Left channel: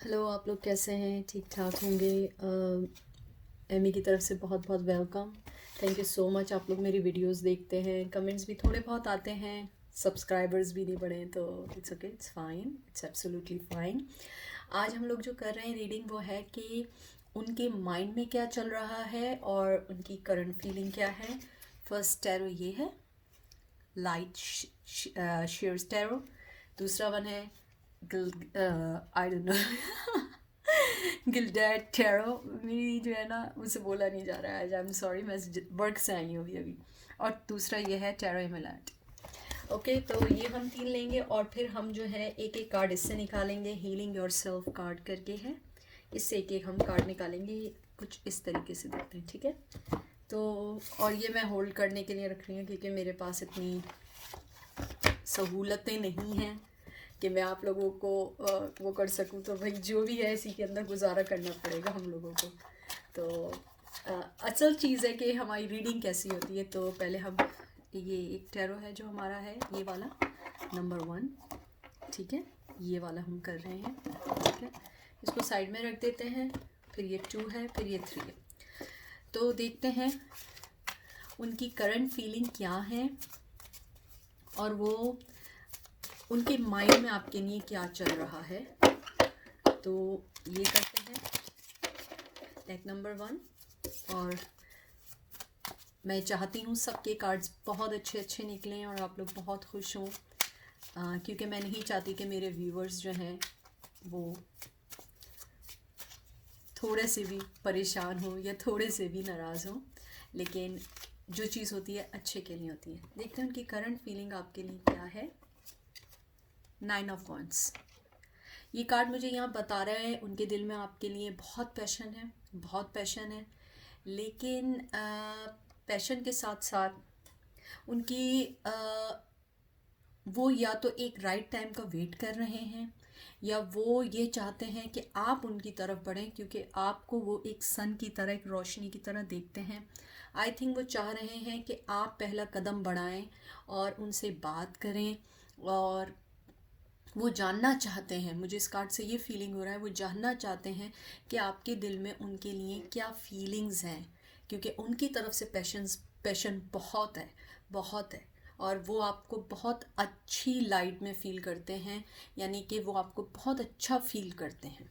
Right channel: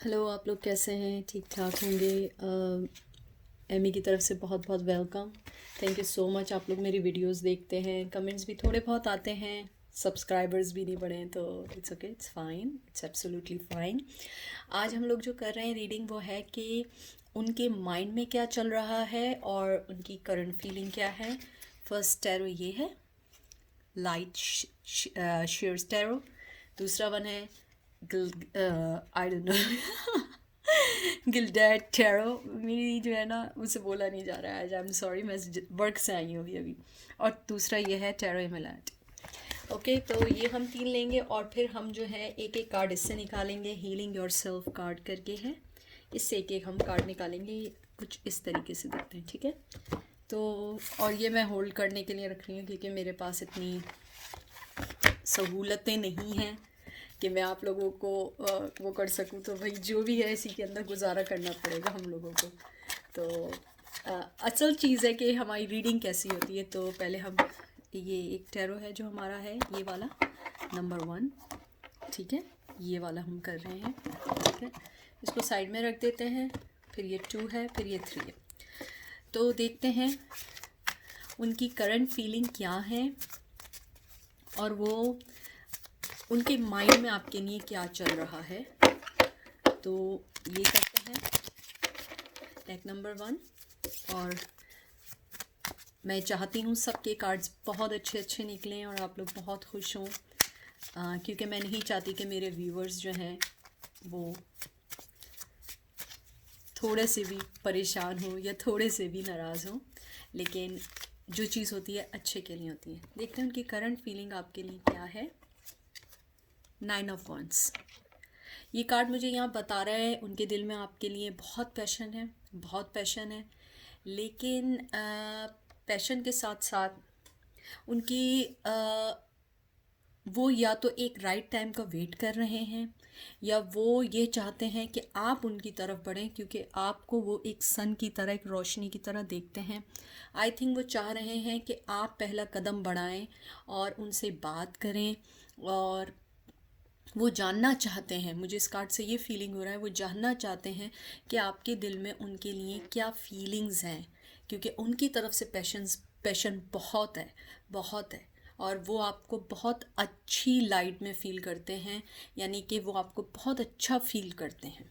Hello, आप लोग कैसे हैं? ठीक ठाक होंगे। एमी की तरफ से बहुत बहुत welcome. Thank you so much. आप लोग मेरी वीडियोस देखते हैं, कमेंट्स भी थोड़े बहुत आते हैं, सब्सक्राइबर्स भी नहीं बढ़े तो it's okay, it's fine, it's absolutely fine. आज हम लोग जो कर रहे हैं रीडिंग वो है कि उनके माइंड में क्या चल रहा है और उनकी करंट फीलिंग क्या है। फर्स्ट टैरो ये है, लाइट शेयर्स टैरो। दूसरा वन है I don't know gilded tarot. मेरी जो है ना मुझसे बोला नहीं जा रहा है आज, आई एम सॉरी, मैं वर्क से आई हूँ अभी अभी। और दूसरा ये है टैरो एमेलैंड। ओके, तो ये हम तीन लेंगे और फिर हम जो है एक एक कार्ड इससे निकालेंगे। हीलिंग योर सेल्फ कार्ड करके है, इससे एक एक हम कार्ड निकालेंगे। कुछ इस तरीके से देखते हैं, ठीक है? तो और ये मैं होल्ड करने के लिए रख रही हूँ क्योंकि मेरे पास इतनी सहूलतें नहीं हैं कि मैं आप लोगों को वो कर सकूं। तो भाई जो भी है इसी के अंदर गुजारा करना पड़ेगा हम लोगों को। तो असल चीज़ है कि हमारी रीडिंग कैसी होती है। तो पहले हम ये एक टैरो है जो हमारा है, ये वाला नंबर 1, ठीक है? ये वाला हम कर रहे हैं, ठीक है? इसको साइड में रख देते हैं। फिर ये 2 है, फिर ये 3 है। तो देखते हैं उनकी करंट फीलिंग क्या है और वो उनके माइंड में आपके लिए क्या चल रहा है। तो ये करते हैं डेक नंबर 1। और मैं चाहती हूँ सबके कार्ड्स बहुत अच्छे अच्छे निकलें और आप लोग बहुत खुश हों, क्योंकि मैं नहीं चाहती कि मेरे व्यूवर्स जो हैं वो थोड़े से भी परेशान हों या थोड़े से भी नाराज़ हों। लेकिन जो चीज़ होती है अच्छे के लिए होती है। देखते हैं उनकी करंट फीलिंग आपके लिए क्या है। 9 ऑफ वॉन्ड्स। ये कार्ड मुझे यहाँ बता रहा है उनके दिल में आपके लिए बहुत पैशन है, बहुत पैशन है। लेकिन पैशन के साथ साथ उनकी वो या तो एक राइट टाइम का वेट कर रहे हैं या वो ये चाहते हैं कि आप उनकी तरफ बढ़ें, क्योंकि आपको वो एक सन की तरह, एक रोशनी की तरह देखते हैं। आई थिंक वो चाह रहे हैं कि आप पहला कदम बढ़ाएं और उनसे बात करें। और वो जानना चाहते हैं, मुझे इस कार्ड से ये फीलिंग हो रहा है, वो जानना चाहते हैं कि आपके दिल में उनके लिए क्या फीलिंग्स हैं। क्योंकि उनकी तरफ से पैशन बहुत है, बहुत है। और वो आपको बहुत अच्छी लाइट में फील करते हैं, यानी कि वो आपको बहुत अच्छा फील करते हैं।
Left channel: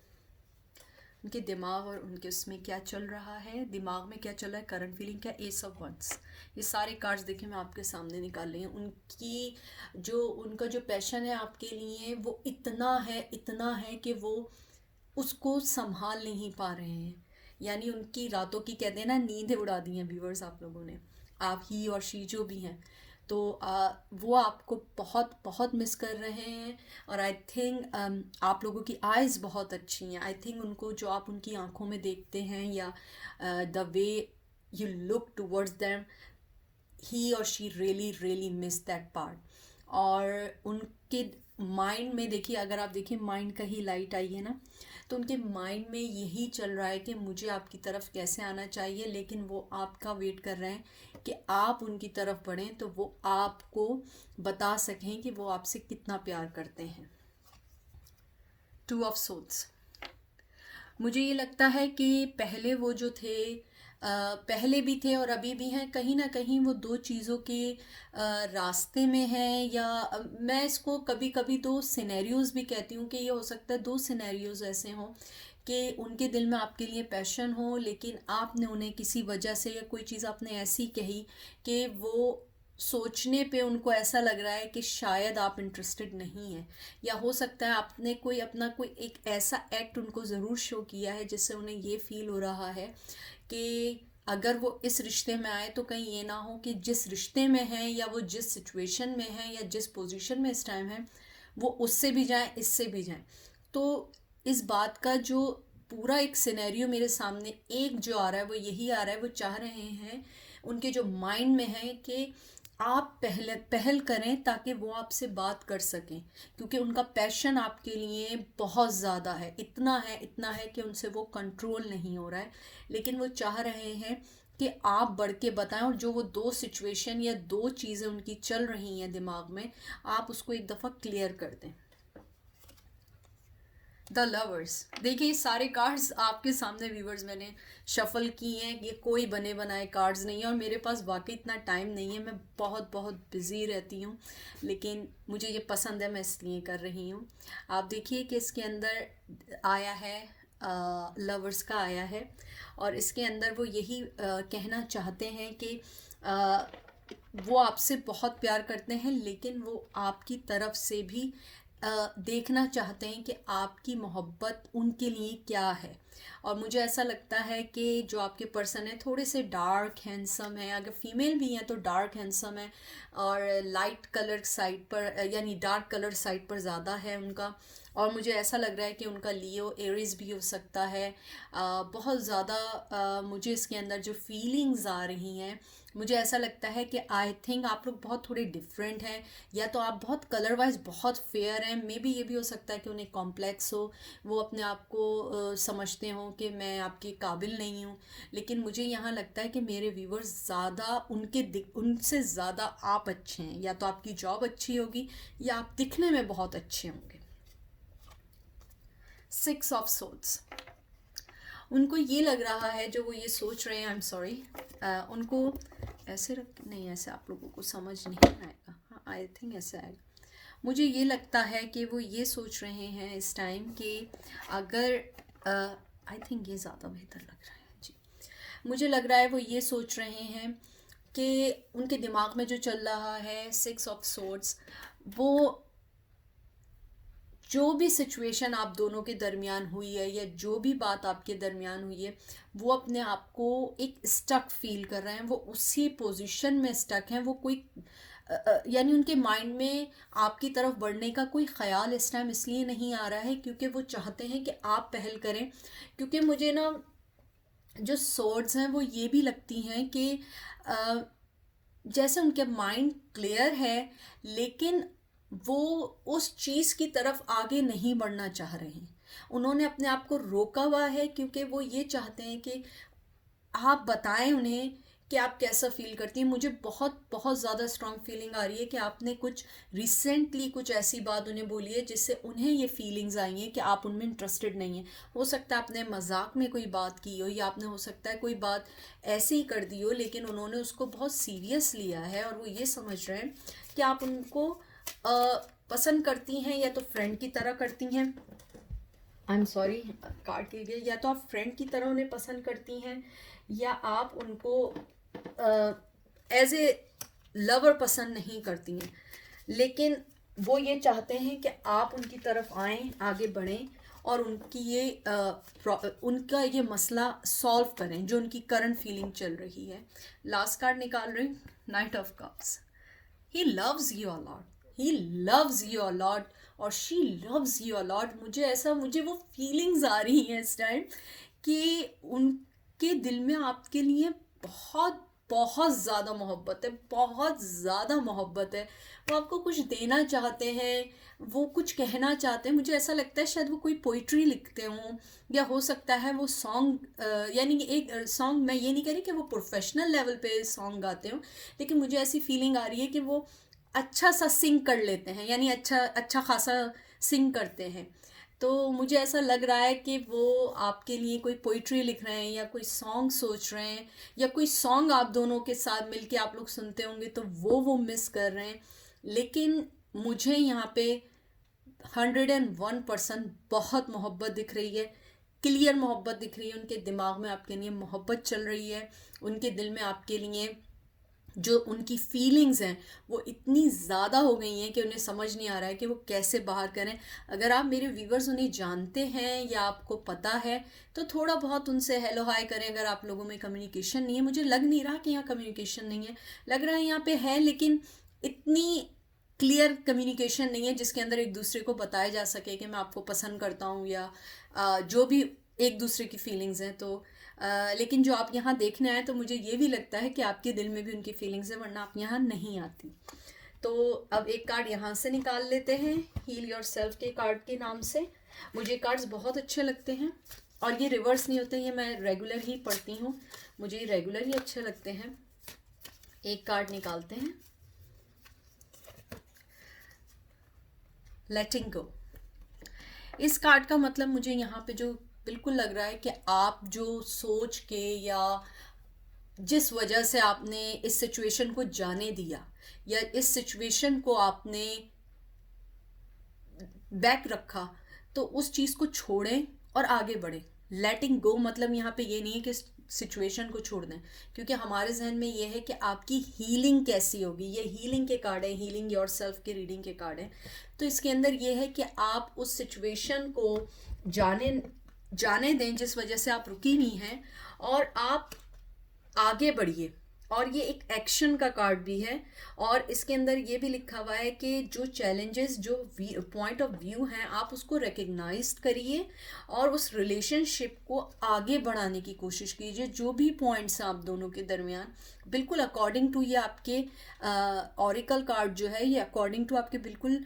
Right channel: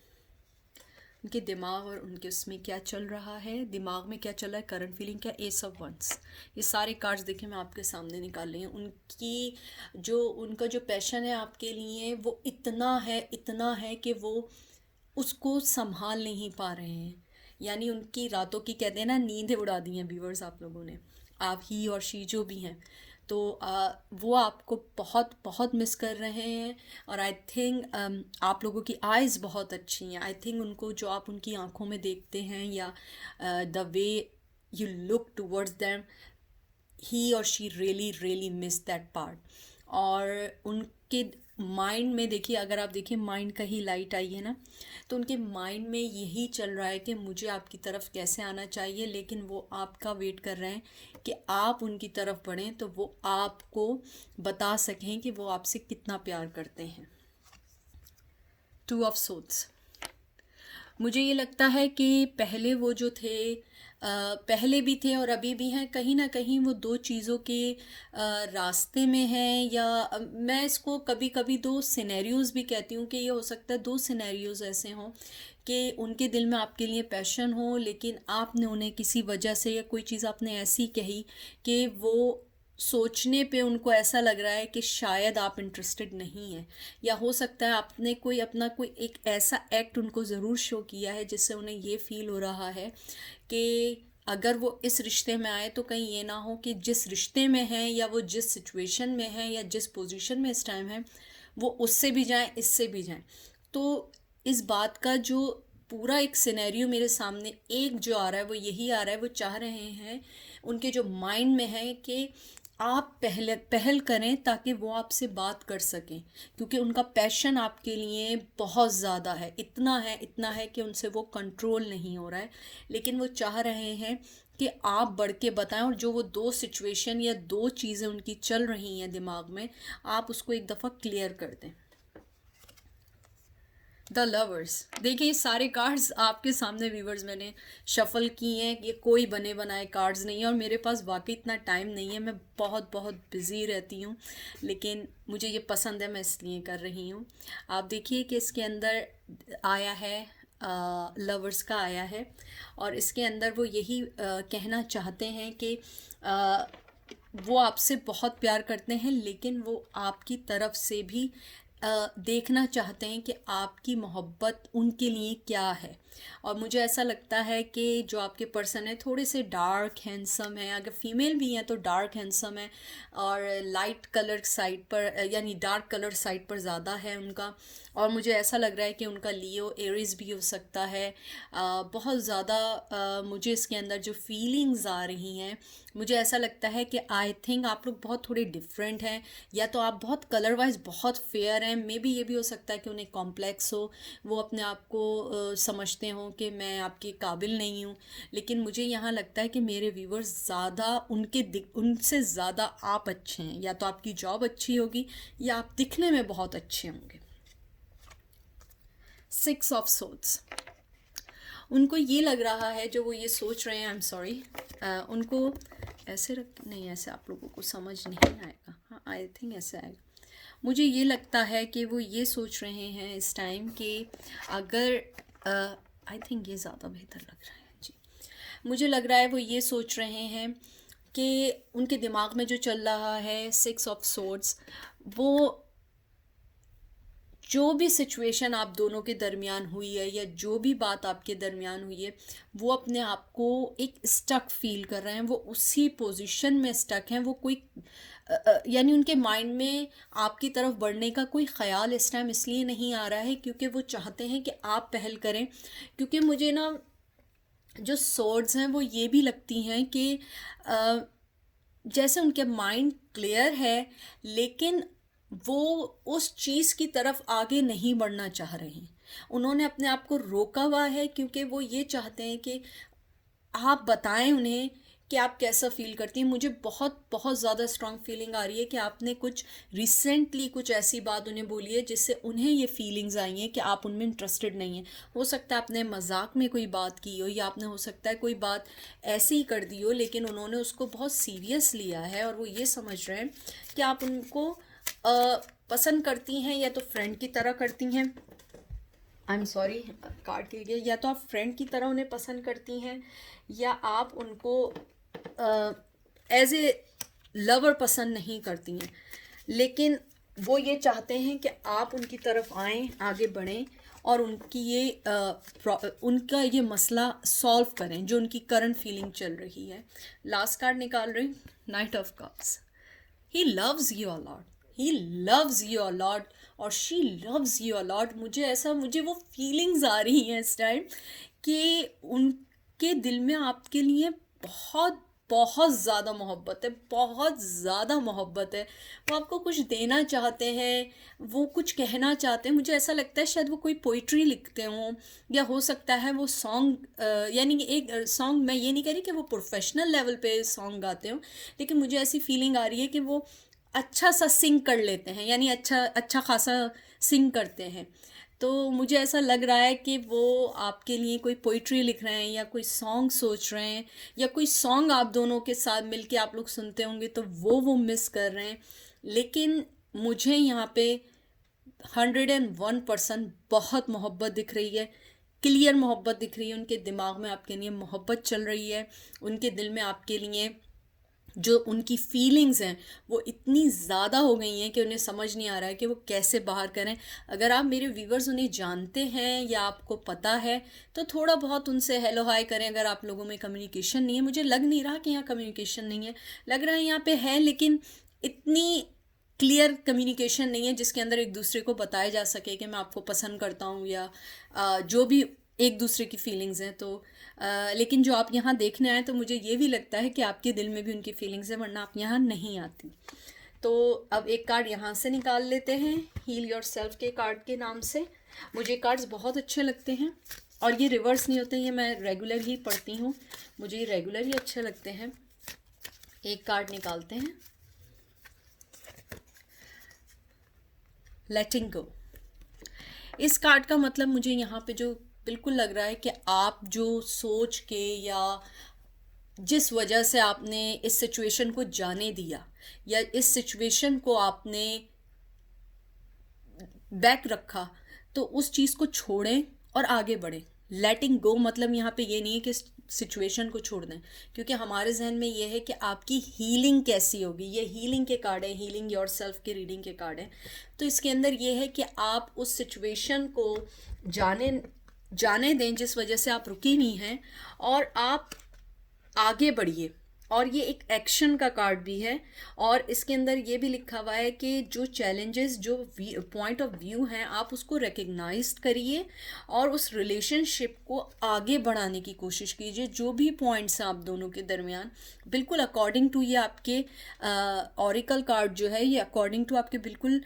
उनके दिमाग और उनके उसमें क्या चल रहा है, दिमाग में क्या चल रहा है, करंट फीलिंग क्या, एस ऑफ वंस। ये सारे कार्ड्स देखे मैं आपके सामने निकाल रही हूँ। उनका जो पैशन है आपके लिए वो इतना है कि वो उसको संभाल नहीं पा रहे हैं। यानी उनकी रातों की, कहते हैं ना, नींदें उड़ा दी हैं व्यूवर्स आप लोगों ने, आप ही और शी जो भी हैं। तो वो आपको बहुत बहुत मिस कर रहे हैं। और आई थिंक आप लोगों की आइज़ बहुत अच्छी हैं। आई थिंक उनको जो आप उनकी आंखों में देखते हैं या the way you look towards them, he और she really really miss that part. और उनके माइंड में देखिए, अगर आप देखिए माइंड का ही लाइट आई है ना, तो उनके माइंड में यही चल रहा है कि मुझे आपकी तरफ कैसे आना चाहिए। लेकिन वो आपका वेट कर रहे हैं कि आप उनकी तरफ बढ़ें तो वो आपको बता सकें कि वो आपसे कितना प्यार करते हैं। 2 ऑफ सोल्स। मुझे ये लगता है कि पहले वो जो थे, पहले भी थे और अभी भी हैं, कहीं ना कहीं वो दो चीज़ों के रास्ते में हैं। या मैं इसको कभी कभी दो सिनेरियोज भी कहती हूँ कि ये हो सकता है दो सिनेरियोज ऐसे हों कि उनके दिल में आपके लिए पैशन हो, लेकिन आपने उन्हें किसी वजह से या कोई चीज़ आपने ऐसी कही कि वो सोचने पे उनको ऐसा लग रहा है कि शायद आप इंटरेस्टेड नहीं हैं। या हो सकता है आपने कोई अपना कोई एक ऐसा एक्ट उनको ज़रूर शो किया है जिससे उन्हें ये फील हो रहा है कि अगर वो इस रिश्ते में आए तो कहीं ये ना हो कि जिस रिश्ते में है या वो जिस सिचुएशन में है या जिस पोजीशन में इस टाइम है वो उससे भी जाए, इससे भी जाए। तो इस बात का जो पूरा एक सिनेरियो मेरे सामने एक जो आ रहा है वो यही आ रहा है, वो चाह रहे हैं, उनके जो माइंड में है कि आप पहले पहल करें ताकि वो आपसे बात कर सकें। क्योंकि उनका पैशन आपके लिए बहुत ज़्यादा है, इतना है कि उनसे वो कंट्रोल नहीं हो रहा है। लेकिन वो चाह रहे हैं कि आप बढ़ के बताएं और जो वो दो सिचुएशन या दो चीज़ें उनकी चल रही हैं दिमाग में, आप उसको एक दफ़ा क्लियर कर दें। The lovers. देखिए सारे कार्ड्स आपके सामने व्यूवर्स मैंने शफल किए हैं, ये कोई बने बनाए कार्ड्स नहीं है और मेरे पास वाकई इतना टाइम नहीं है, मैं बहुत बहुत बिज़ी रहती हूँ, लेकिन मुझे ये पसंद है, मैं इसलिए कर रही हूँ। आप देखिए कि इसके अंदर आया है, लवर्स का आया है, और इसके अंदर वो यही कहना चाहते हैं कि अ, वो आपसे बहुत प्यार करते हैं, लेकिन वो आपकी तरफ से भी देखना चाहते हैं कि आपकी मोहब्बत उनके लिए क्या है। और मुझे ऐसा लगता है कि जो आपके पर्सन है थोड़े से डार्क हैंडसम है, अगर फीमेल भी हैं तो डार्क हैंडसम है, और लाइट कलर साइड पर यानी डार्क कलर साइड पर ज़्यादा है उनका। और मुझे ऐसा लग रहा है कि उनका लियो एरिस भी हो सकता है। बहुत ज़्यादा मुझे इसके अंदर जो फीलिंग्स आ रही हैं, मुझे ऐसा लगता है कि आई थिंक आप लोग बहुत थोड़े डिफरेंट हैं, या तो आप बहुत कलर वाइज बहुत फेयर हैं, मे बी ये भी हो सकता है कि उन्हें कॉम्प्लेक्स हो, वो अपने आप को समझते हों कि मैं आपके काबिल नहीं हूँ। लेकिन मुझे यहाँ लगता है कि मेरे व्यूवर्स ज़्यादा उनसे ज़्यादा आप अच्छे हैं, या तो आपकी जॉब अच्छी होगी या आप दिखने में बहुत अच्छे होंगे। 6 ऑफ सोर्ड्स। उनको ये लग रहा है, जो वो ये सोच रहे हैं, आई एम सॉरी, उनको ऐसे रख, नहीं ऐसे आप लोगों को समझ नहीं आएगा, हाँ आई थिंक ऐसे आएगा। मुझे ये लगता है कि वो ये सोच रहे हैं इस टाइम कि अगर आई थिंक ये ज़्यादा बेहतर लग रहा है जी। मुझे लग रहा है वो ये सोच रहे हैं कि उनके दिमाग में जो चल रहा है 6 ऑफ सोर्ड्स, वो जो भी सिचुएशन आप दोनों के दरमियान हुई है या जो भी बात आपके दरमियान हुई है, वो अपने आप को एक स्टक फील कर रहे हैं, वो उसी पोजीशन में स्टक हैं, वो कोई यानी उनके माइंड में आपकी तरफ बढ़ने का कोई ख्याल इस टाइम इसलिए नहीं आ रहा है क्योंकि वो चाहते हैं कि आप पहल करें। क्योंकि मुझे ना जो सोर्ड्स हैं वो ये भी लगती हैं कि अ, जैसे उनके माइंड क्लियर है, लेकिन वो उस चीज़ की तरफ आगे नहीं बढ़ना चाह रहे हैं। उन्होंने अपने आप को रोका हुआ है क्योंकि वो ये चाहते हैं कि आप बताएं उन्हें कि आप कैसा फील करती हैं। मुझे बहुत बहुत ज़्यादा स्ट्रॉन्ग फीलिंग आ रही है कि आपने कुछ रिसेंटली कुछ ऐसी बात उन्हें बोली है जिससे उन्हें ये फीलिंग्स आई हैं कि आप उनमें इंटरेस्टेड नहीं हैं। हो सकता है आपने मजाक में कोई बात की हो, या आपने हो सकता है कोई बात ऐसे ही कर दी हो, लेकिन उन्होंने उसको बहुत सीरियस लिया है और वो ये समझ रहे हैं कि आप उनको पसंद करती हैं, या तो फ्रेंड की तरह करती हैं, आई एम सॉरी कार्ड के लिए, या तो आप फ्रेंड की तरह उन्हें पसंद करती हैं, या आप उनको एज ए लवर पसंद नहीं करती हैं। लेकिन वो ये चाहते हैं कि आप उनकी तरफ आएं, आगे बढ़ें और उनकी उनका ये मसला सॉल्व करें जो उनकी करंट फीलिंग चल रही है। लास्ट कार्ड निकाल रही हूँ, knight of cups. He loves you a lot, he loves you a lot, और she loves you a lot. मुझे वो फीलिंग्स आ रही हैं इस टाइम कि उनके दिल में आपके लिए बहुत बहुत ज़्यादा मोहब्बत है, बहुत ज़्यादा मोहब्बत है। वो आपको कुछ देना चाहते हैं, वो कुछ कहना चाहते हैं। मुझे ऐसा लगता है शायद वो कोई पोइट्री लिखते हों, या हो सकता है वो सॉन्ग, यानी कि एक सॉन्ग, मैं ये नहीं कह रही कि वो प्रोफेशनल लेवल पे सॉन्ग गाते हों, लेकिन मुझे ऐसी फीलिंग आ रही है कि वो अच्छा सा सिंग कर लेते हैं, यानी अच्छा अच्छा खासा सिंग करते हैं। तो मुझे ऐसा लग रहा है कि वो आपके लिए कोई पोइट्री लिख रहे हैं या कोई सॉन्ग सोच रहे हैं, या कोई सॉन्ग आप दोनों के साथ मिलके आप लोग सुनते होंगे तो वो मिस कर रहे हैं। लेकिन मुझे यहाँ पे 101% बहुत मोहब्बत दिख रही है, क्लियर मोहब्बत दिख रही है। उनके दिमाग में आपके लिए मोहब्बत चल रही है, उनके दिल में आपके लिए जो उनकी फीलिंग्स हैं वो इतनी ज़्यादा हो गई हैं कि उन्हें समझ नहीं आ रहा है कि वो कैसे बाहर करें। अगर आप मेरे व्यूवर्स उन्हें जानते हैं या आपको पता है तो थोड़ा बहुत उनसे हेलो हाय करें। अगर आप लोगों में कम्युनिकेशन नहीं है, मुझे लग नहीं रहा कि यहाँ कम्युनिकेशन नहीं है, लग रहा है यहाँ पे है, लेकिन इतनी क्लियर कम्युनिकेशन नहीं है जिसके अंदर एक दूसरे को बताया जा सके कि मैं आपको पसंद करता हूँ, या जो भी एक दूसरे की फीलिंग्स हैं। तो लेकिन जो आप यहाँ देखने आए तो मुझे ये भी लगता है कि आपके दिल में भी उनकी फीलिंग्स है, वरना आप यहाँ नहीं आती। तो अब एक कार्ड यहाँ से निकाल लेते हैं, हील योर सेल्फ के कार्ड के नाम से। मुझे कार्ड्स बहुत अच्छे लगते हैं और ये रिवर्स नहीं होते, ये मैं रेगुलर ही पढ़ती हूँ, मुझे रेगुलर ही अच्छे लगते हैं। एक कार्ड निकालते हैं, लेटिंग गो। इस कार्ड का मतलब मुझे यहाँ पे जो बिल्कुल लग रहा है कि आप जो सोच के या जिस वजह से आपने इस सिचुएशन को जाने दिया या इस सिचुएशन को आपने बैक रखा, तो उस चीज़ को छोड़ें और आगे बढ़ें। लेटिंग गो मतलब यहाँ पे ये नहीं है कि सिचुएशन को छोड़ दें, क्योंकि हमारे जहन में ये है कि आपकी हीलिंग कैसी होगी। ये हीलिंग के कार्ड है, हीलिंग योर सेल्फ के रीडिंग के कार्ड है। तो इसके अंदर ये है कि आप उस सिचुएशन को जाने जाने दें जिस वजह से आप रुकी हुई हैं, और आप आगे बढ़िए। और ये एक एक्शन का कार्ड भी है, और इसके अंदर ये भी लिखा हुआ है कि जो चैलेंजेस, जो पॉइंट ऑफ व्यू हैं, आप उसको रिकग्नाइज करिए और उस रिलेशनशिप को आगे बढ़ाने की कोशिश कीजिए। जो भी पॉइंट्स हैं आप दोनों के दरमियान, बिल्कुल अकॉर्डिंग टू ये आपके ऑरिकल कार्ड जो है, ये अकॉर्डिंग टू आपके बिल्कुल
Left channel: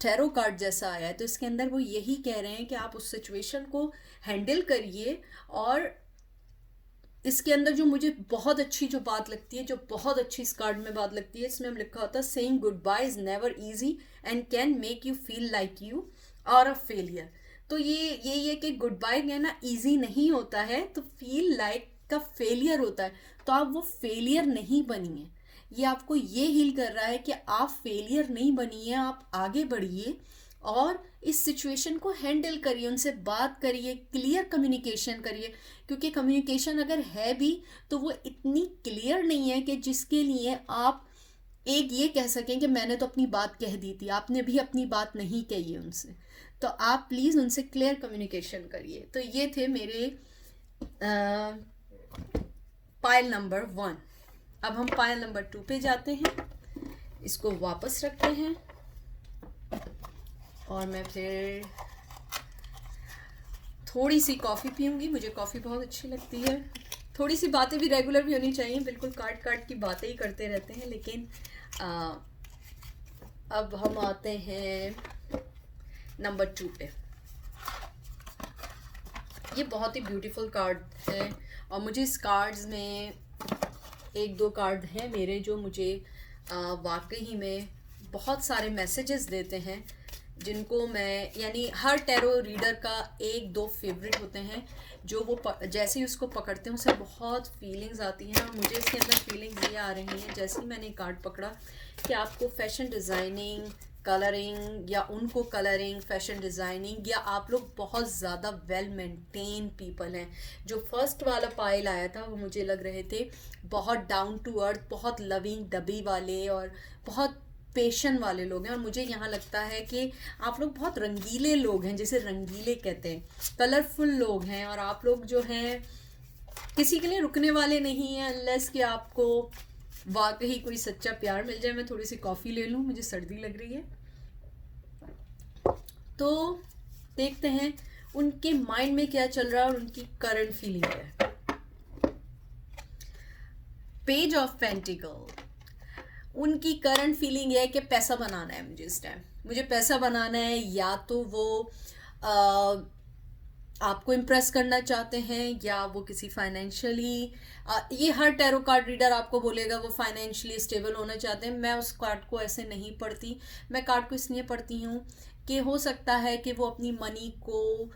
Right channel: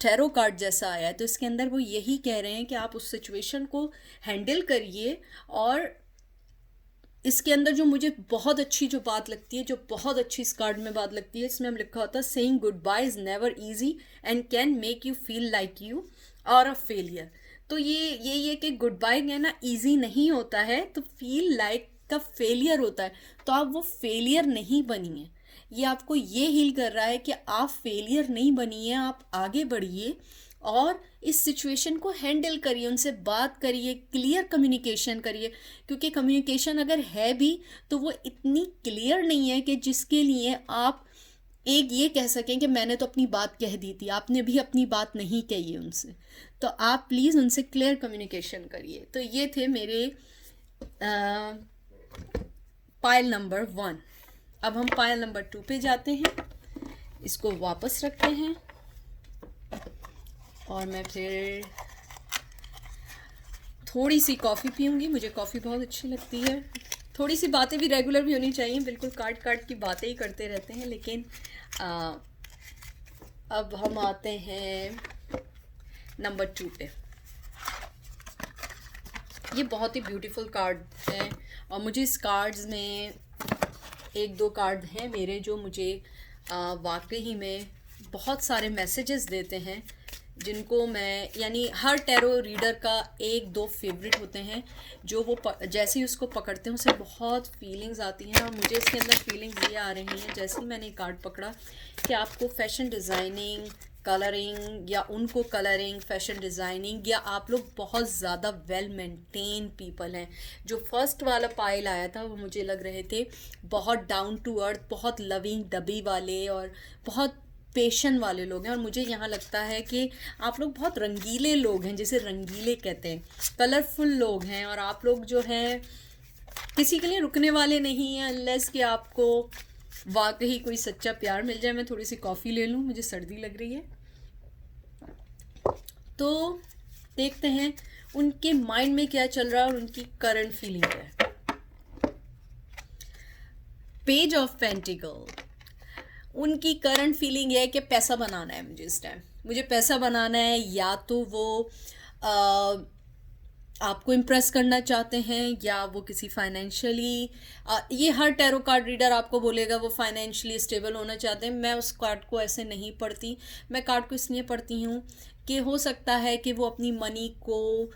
टैरो कार्ड जैसा आया है। तो इसके अंदर वो यही कह रहे हैं कि आप उस सिचुएशन को हैंडल करिए। और इसके अंदर जो मुझे बहुत अच्छी जो बात लगती है, जो बहुत अच्छी इस कार्ड में बात लगती है, इसमें हम लिखा होता है saying goodbye is never easy and can make you feel like you are a failure. तो ये कि गुड बाय कहना इजी नहीं होता है, तो फील लाइक का फेलियर होता है। तो आप वो फेलियर नहीं बनिए। ये आपको ये हील कर रहा है कि आप फेलियर नहीं बनिए, आप आगे बढ़िए और इस सिचुएशन को हैंडल करिए, उनसे बात करिए, क्लियर कम्युनिकेशन करिए। क्योंकि कम्युनिकेशन अगर है भी तो वो इतनी क्लियर नहीं है कि जिसके लिए आप एक ये कह सकें कि मैंने तो अपनी बात कह दी थी, आपने भी अपनी बात नहीं कही है उनसे। तो आप प्लीज़ उनसे क्लियर कम्युनिकेशन करिए। तो ये थे मेरे पाइल नंबर 1। अब हम पाइल नंबर 2 पे जाते हैं। इसको वापस रखते हैं और मैं फिर थोड़ी सी कॉफ़ी पीऊँगी। मुझे कॉफ़ी बहुत अच्छी लगती है। थोड़ी सी बातें भी रेगुलर भी होनी चाहिए, बिल्कुल काट की बातें ही करते रहते हैं। लेकिन अब हम आते हैं नंबर 2 पे। ये बहुत ही ब्यूटीफुल कार्ड है और मुझे इस कार्ड्स में एक दो कार्ड हैं मेरे जो मुझे वाकई में बहुत सारे मैसेजेस देते हैं, जिनको मैं, यानी हर टैरो रीडर का एक दो फेवरेट होते हैं जो वो जैसे ही उसको पकड़ते हैं उसे बहुत फीलिंग्स आती हैं। और मुझे इसके अंदर फीलिंग्स ये आ रही हैं जैसे ही मैंने कार्ड पकड़ा कि आपको फैशन डिज़ाइनिंग, कलरिंग या उनको कलरिंग, फैशन डिज़ाइनिंग, या आप लोग बहुत ज़्यादा वेल मेंटेन पीपल हैं। जो फर्स्ट वाला पाइल आया था वो मुझे लग रहे थे बहुत डाउन टू अर्थ, बहुत लविंग डबी वाले और बहुत पेशन वाले लोग हैं। और मुझे यहाँ लगता है कि आप लोग बहुत रंगीले लोग हैं, जिसे रंगीले कहते हैं, कलरफुल लोग हैं। और आप लोग जो हैं किसी के लिए रुकने वाले नहीं हैं अनलेस कि आपको वाकई कोई सच्चा प्यार मिल जाए। मैं थोड़ी सी कॉफ़ी ले लूँ, मुझे सर्दी लग रही है। तो देखते हैं उनके माइंड में क्या चल रहा है और उनकी करंट फीलिंग है। पेज ऑफ पेंटिकल, उनकी करंट फीलिंग है कि पैसा बनाना है मुझे इस टाइम, मुझे पैसा बनाना है। या तो वो आपको इम्प्रेस करना चाहते हैं या वो किसी फाइनेंशियली, ये हर टैरो कार्ड रीडर आपको बोलेगा वो फाइनेंशियली स्टेबल होना चाहते हैं। मैं उस कार्ड को ऐसे नहीं पढ़ती। मैं कार्ड को इसलिए पढ़ती हूँ कि हो सकता है कि वो अपनी मनी को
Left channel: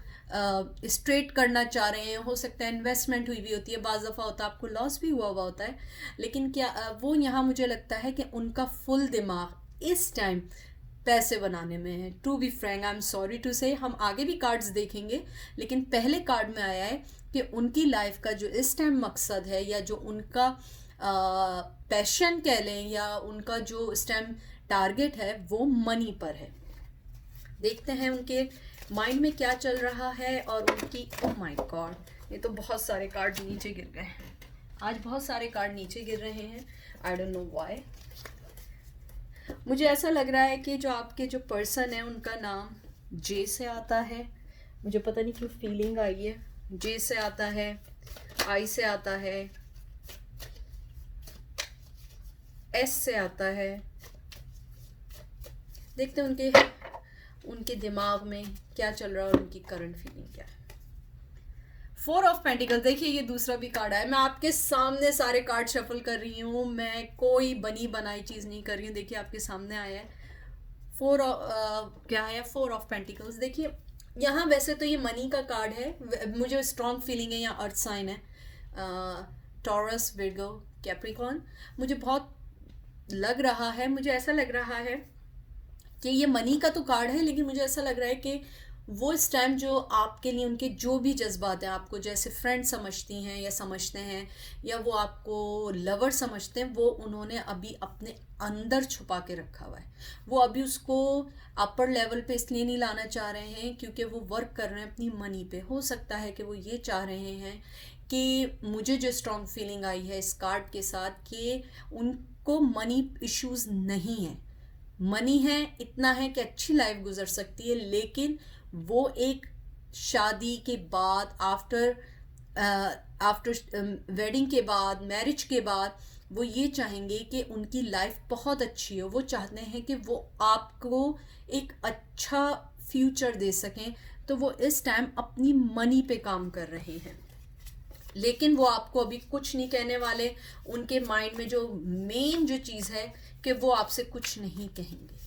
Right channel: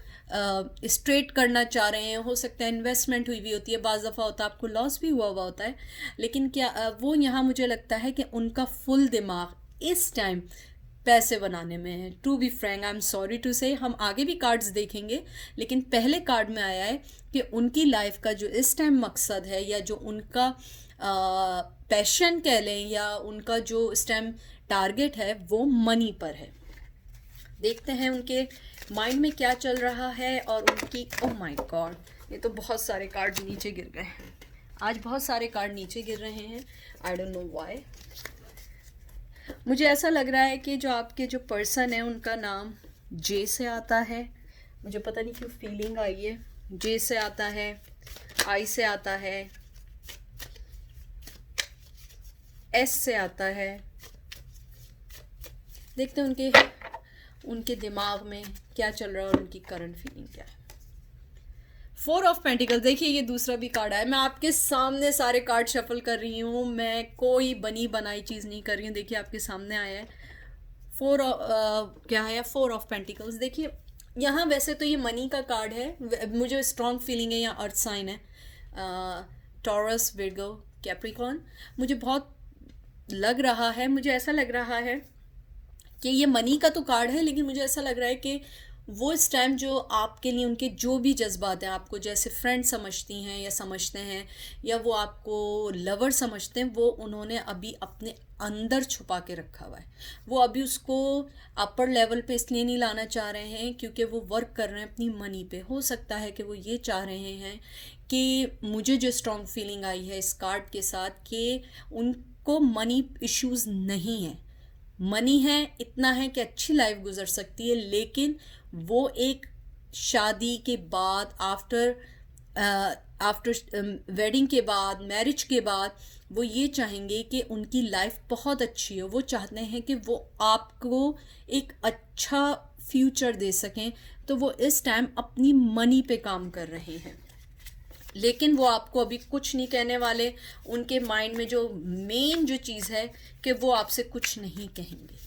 स्ट्रेट करना चाह रहे हैं, हो सकता है इन्वेस्टमेंट हुई भी होती है, बाज़ दफ़ा होता है आपको लॉस भी हुआ हुआ होता है। लेकिन क्या वो यहाँ मुझे लगता है कि उनका फुल दिमाग इस टाइम पैसे बनाने में है। To be frank, I am sorry to say, हम आगे भी कार्ड्स देखेंगे, लेकिन पहले कार्ड में आया है कि उनकी लाइफ का जो इस टाइम मकसद है या जो उनका पैशन कह लें या उनका जो इस टाइम टारगेट है वो मनी पर है। देखते हैं उनके माइंड में क्या चल रहा है और उनकी, ओह माय गॉड, ये तो बहुत सारे कार्ड नीचे गिर गए हैं। आज बहुत सारे कार्ड नीचे गिर रहे हैं, आई डोंट नो व्हाई। मुझे ऐसा लग रहा है कि जो आपके जो पर्सन है उनका नाम जे से आता है। मुझे पता नहीं क्यों फीलिंग आई है, जे से आता है, आई से आता है, एस से आता है। देखते हैं उनके दिमाग में क्या चल रहा है और उनकी करंट फीलिंग क्या है। 4 ऑफ पेंटिकल्स, देखिए ये दूसरा भी कार्ड है। मैं आपके सामने सारे कार्ड शफल कर रही हूँ, मैं कोई बनी बनाई चीज़ नहीं कर रही हूँ। देखिए आपके सामने आया है क्या है, 4 ऑफ पेंटिकल्स। देखिए यहाँ वैसे तो ये मनी का कार्ड है, मुझे स्ट्रॉन्ग फीलिंग है, यहाँ अर्थ साइन है, टॉरस, विर्गो, कैप्रिकॉर्न। मुझे बहुत लग रहा है, मुझे ऐसा लग रहा है कि ये मनी का तो कार्ड है, लेकिन मुझे ऐसा लग रहा है कि वो इस टाइम जो आपके लिए उनके जो भी जज्बात हैं, आपको जैसे फ्रेंड समझती हैं या समझते हैं, या वो आपको लवर समझते हैं, वो उन्होंने अभी अपने अंदर छुपा के रखा हुआ है। वो अभी उसको अपर लेवल पे इसलिए नहीं लाना चाह रहे हैं क्योंकि वो वर्क कर रहे हैं अपनी मनी पे। हो सकता है कि वो ये चाह रहे हैं कि मुझे जो स्ट्रॉन्ग फीलिंग आई है इस कार्ड के साथ कि उनको मनी इश्यूज नहीं है। मनी है, इतना है कि अच्छी लाइफ गुजर सकती है, लेकिन वो एक शादी के बाद, आफ्टर आफ्टर वेडिंग के बाद, मैरिज के बाद, वो ये चाहेंगे कि उनकी लाइफ बहुत अच्छी हो। वो चाहते हैं कि वो आपको एक अच्छा फ्यूचर दे सकें, तो वो इस टाइम अपनी मनी पे काम कर रहे हैं। लेकिन वो आपको अभी कुछ नहीं कहने वाले। उनके माइंड में जो मेन जो चीज़ है कि वो आपसे कुछ नहीं कहेंगे।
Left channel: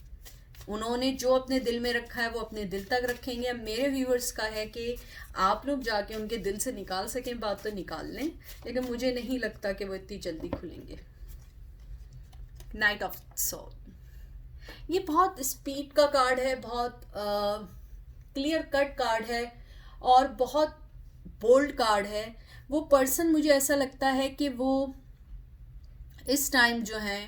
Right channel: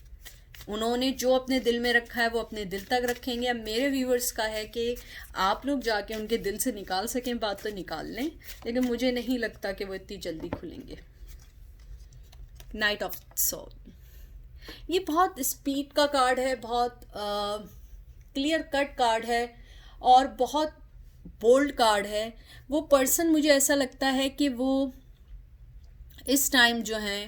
उन्होंने जो अपने दिल में रखा है वो अपने दिल तक रखेंगे। अब मेरे व्यूवर्स का है कि आप लोग जाके उनके दिल से निकाल सकें बात तो निकाल लें, लेकिन मुझे नहीं लगता कि वो इतनी जल्दी खुलेंगे। नाइट ऑफ सोल, ये बहुत स्पीड का कार्ड है, बहुत क्लियर कट कार्ड है और बहुत बोल्ड कार्ड है। वो पर्सन, मुझे ऐसा लगता है कि वो इस टाइम जो है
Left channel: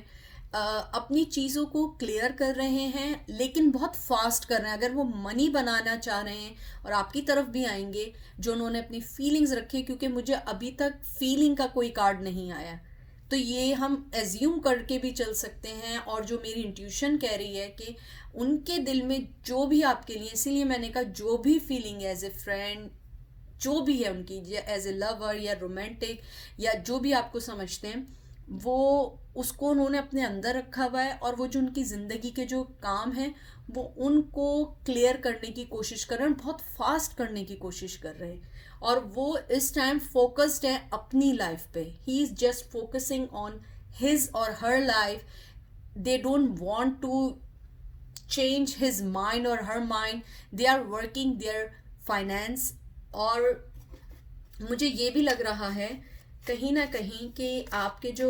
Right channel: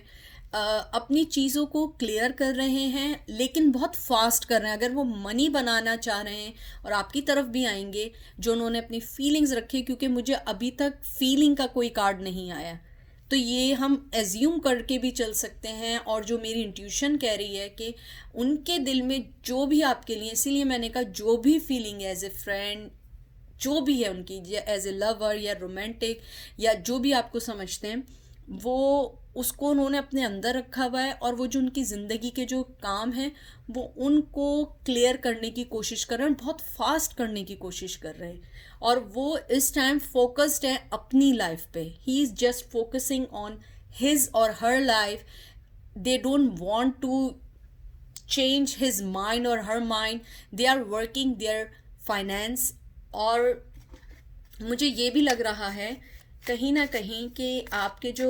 अपनी चीज़ों को क्लियर कर रहे हैं, लेकिन बहुत फास्ट कर रहे हैं। अगर वो मनी बनाना चाह रहे हैं और आपकी तरफ भी आएंगे, जो उन्होंने अपनी फीलिंग्स रखी, क्योंकि मुझे अभी तक फीलिंग का कोई कार्ड नहीं आया, तो ये हम एज्यूम करके भी चल सकते हैं। और जो मेरी इंट्यूशन कह रही है कि उनके दिल में जो भी आपके लिए, इसीलिए मैंने कहा जो भी फीलिंग है एज ए फ्रेंड, जो भी है उनकी, या एज ए लवर या रोमांटिक या जो भी आपको समझते हैं, वो उसको उन्होंने अपने अंदर रखा हुआ है। और वो जो उनकी ज़िंदगी के जो काम हैं वो उनको क्लियर करने की कोशिश कर रहे हैं, बहुत फास्ट करने की कोशिश कर रहे हैं। और वो इस टाइम फोकस्ड है अपनी लाइफ पे। He is just focusing on his और her life. They don't want to change his mind or her mind. They are working their finance। और मुझे ये भी लग रहा है कहीं ना कहीं कि आपके जो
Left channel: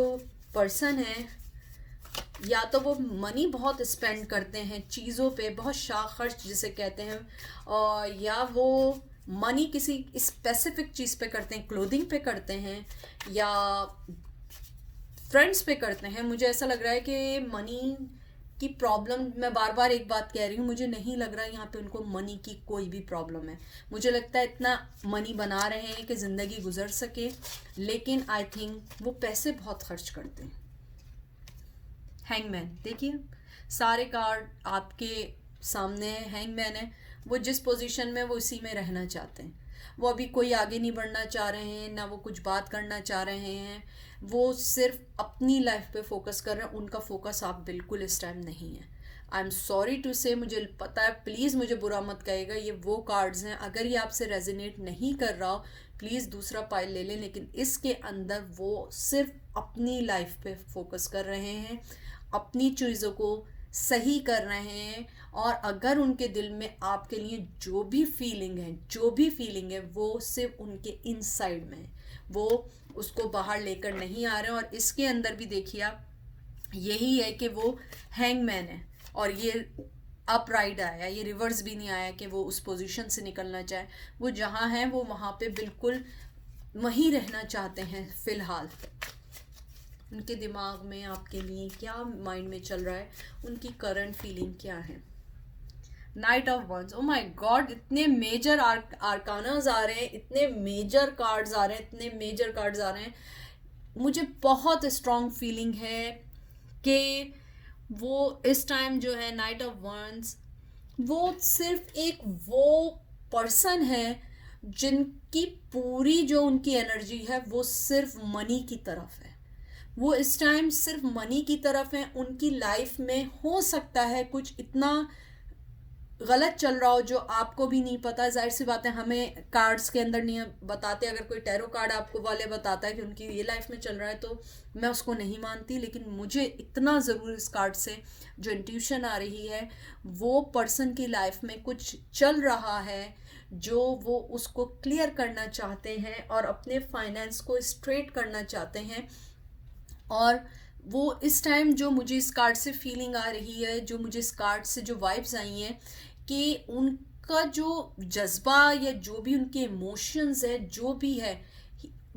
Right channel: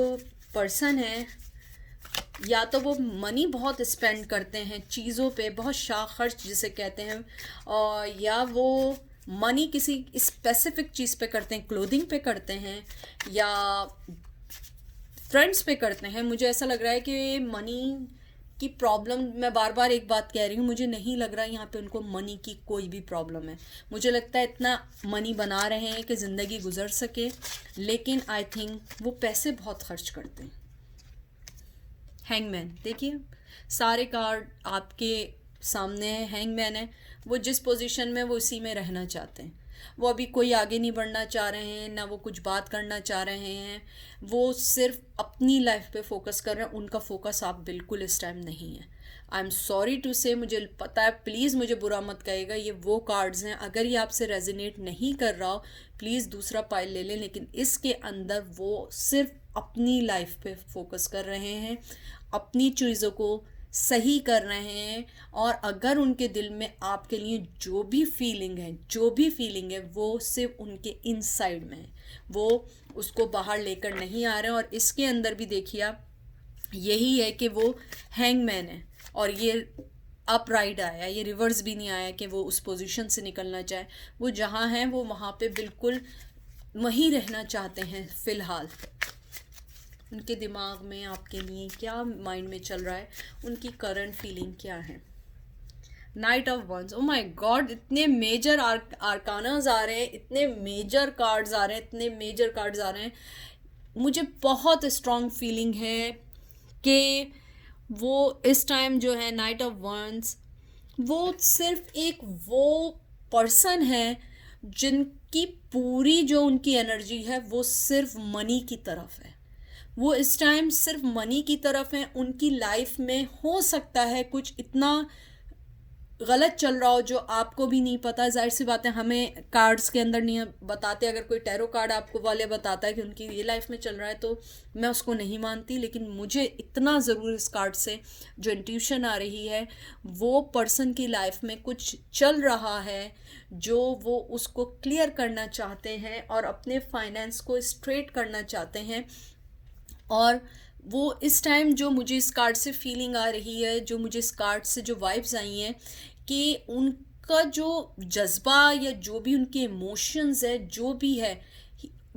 पर्सन हैं, या तो वो मनी बहुत स्पेंड करते हैं चीज़ों पे, बहुत शाख खर्च जिसे कहते हैं, और या वो मनी किसी स्पेसिफिक चीज़ पे करते हैं, क्लोथिंग पे करते हैं या फ्रेंड्स पे करते हैं। मुझे ऐसा लग रहा है कि मनी की प्रॉब्लम, मैं बार बार एक बात कह रही हूँ, मुझे नहीं लग रहा है यहाँ पे उनको मनी की कोई भी प्रॉब्लम है। मुझे लगता है इतना मनी बना रहे हैं कि ज़िंदगी गुजर सके, लेकिन आई थिंक वो पैसे बहुत खर्च करते हैं। हैंगमैन, देखिए सारे कार्ड आपके सामने है। हैंगमैन है, वो जिस पोजीशन में वो उसी में रहना चाहते हैं। वो अभी कोई आगे नहीं बढ़ना चाह रहे हैं, ना वो कुछ बात करना चाह रहे हैं। वो सिर्फ अपनी लाइफ पे फोकस कर रहे हैं। उनका फोकस आप बिल्कुल इस टाइम नहीं है। आई एम सॉरी टू से, मुझे पता है, प्लीज़ मुझे बुरा मत कहिएगा। ये वो कार्ड्स हैं, अगर ये आपसे रेजोनेट नहीं कर रहा हो प्लीज़ दूसरा पाइल ले लें। लेकिन इसके अंदर वो सिर्फ अपनी लाइफ पे फोकस कर रहे हैं, अपनी चीज़ों को सही कर रहे हैं। और अगर उनके दिल में आपके लिए जो भी फीलिंग है, जो भी फीलिंग है, वो सिर्फ उनके इनसाइड में है, वो उसको बाहर लेकर नहीं आ रहे हैं। और इसके अंदर भी देखिए आप, यही है कि वो हैंगमैन है और ये अपराइट आया, ये रिवर्स भी नहीं आया कि वो उस पोजीशन से निकलना चाहे। वो जहाँ हैं वो वहाँ पे बिल्कुल वहीं रहना चाहते हैं फ़िलहाल। उनके दिमाग में आपके लिए क्या माइंड में चल रहा है, उनकी करंट फीलिंग क्या है। Knight of wands, oh my god, इतने मेजर आर्कानाज आ रहे हैं, इतने मेजर कार्ड्स आ रहे हैं, इतने मेजर कार्ड्स आ रहे हैं। मुझे बहुत स्ट्रॉन्ग फीलिंग है कि वो इस टाइम जो है नाइट ऑफ वंस, वो सिर्फ एक वो पर्सन है जिनकी पूरी जो उनकी एनर्जी है वो सिर्फ मनी की तरफ है। वो इस टाइम सिर्फ मनी की तरफ है। उनकी लाइफ में हो सकता है कुछ इतना गलत चल रहा हो जो आपको भी नहीं पता। जाहिर सी बात है, हमें कार्ड्स के अंदर नहीं बताते। अगर कोई टैरो कार्ड आपको वाले बताता है कि उनकी ये लाइफ में चल रहा है तो मैं उसको नहीं मानती, लेकिन मुझे इतना ज़रूर इस कार्ड से जो इंट्यूशन आ रही है, वो पर्सन की लाइफ में कुछ चल रहा है जो वो उसको क्लियर करना चाहते हैं और अपने फाइनेंस को स्ट्रेट करना चाहते हैं। और वो इस टाइम जो मुझे इस कार्ड से फीलिंग आ रही है, जो मुझे इस कार्ड से जो वाइब्स आई हैं, कि उनका जो जज्बा या जो भी उनके इमोशंस है, जो भी है,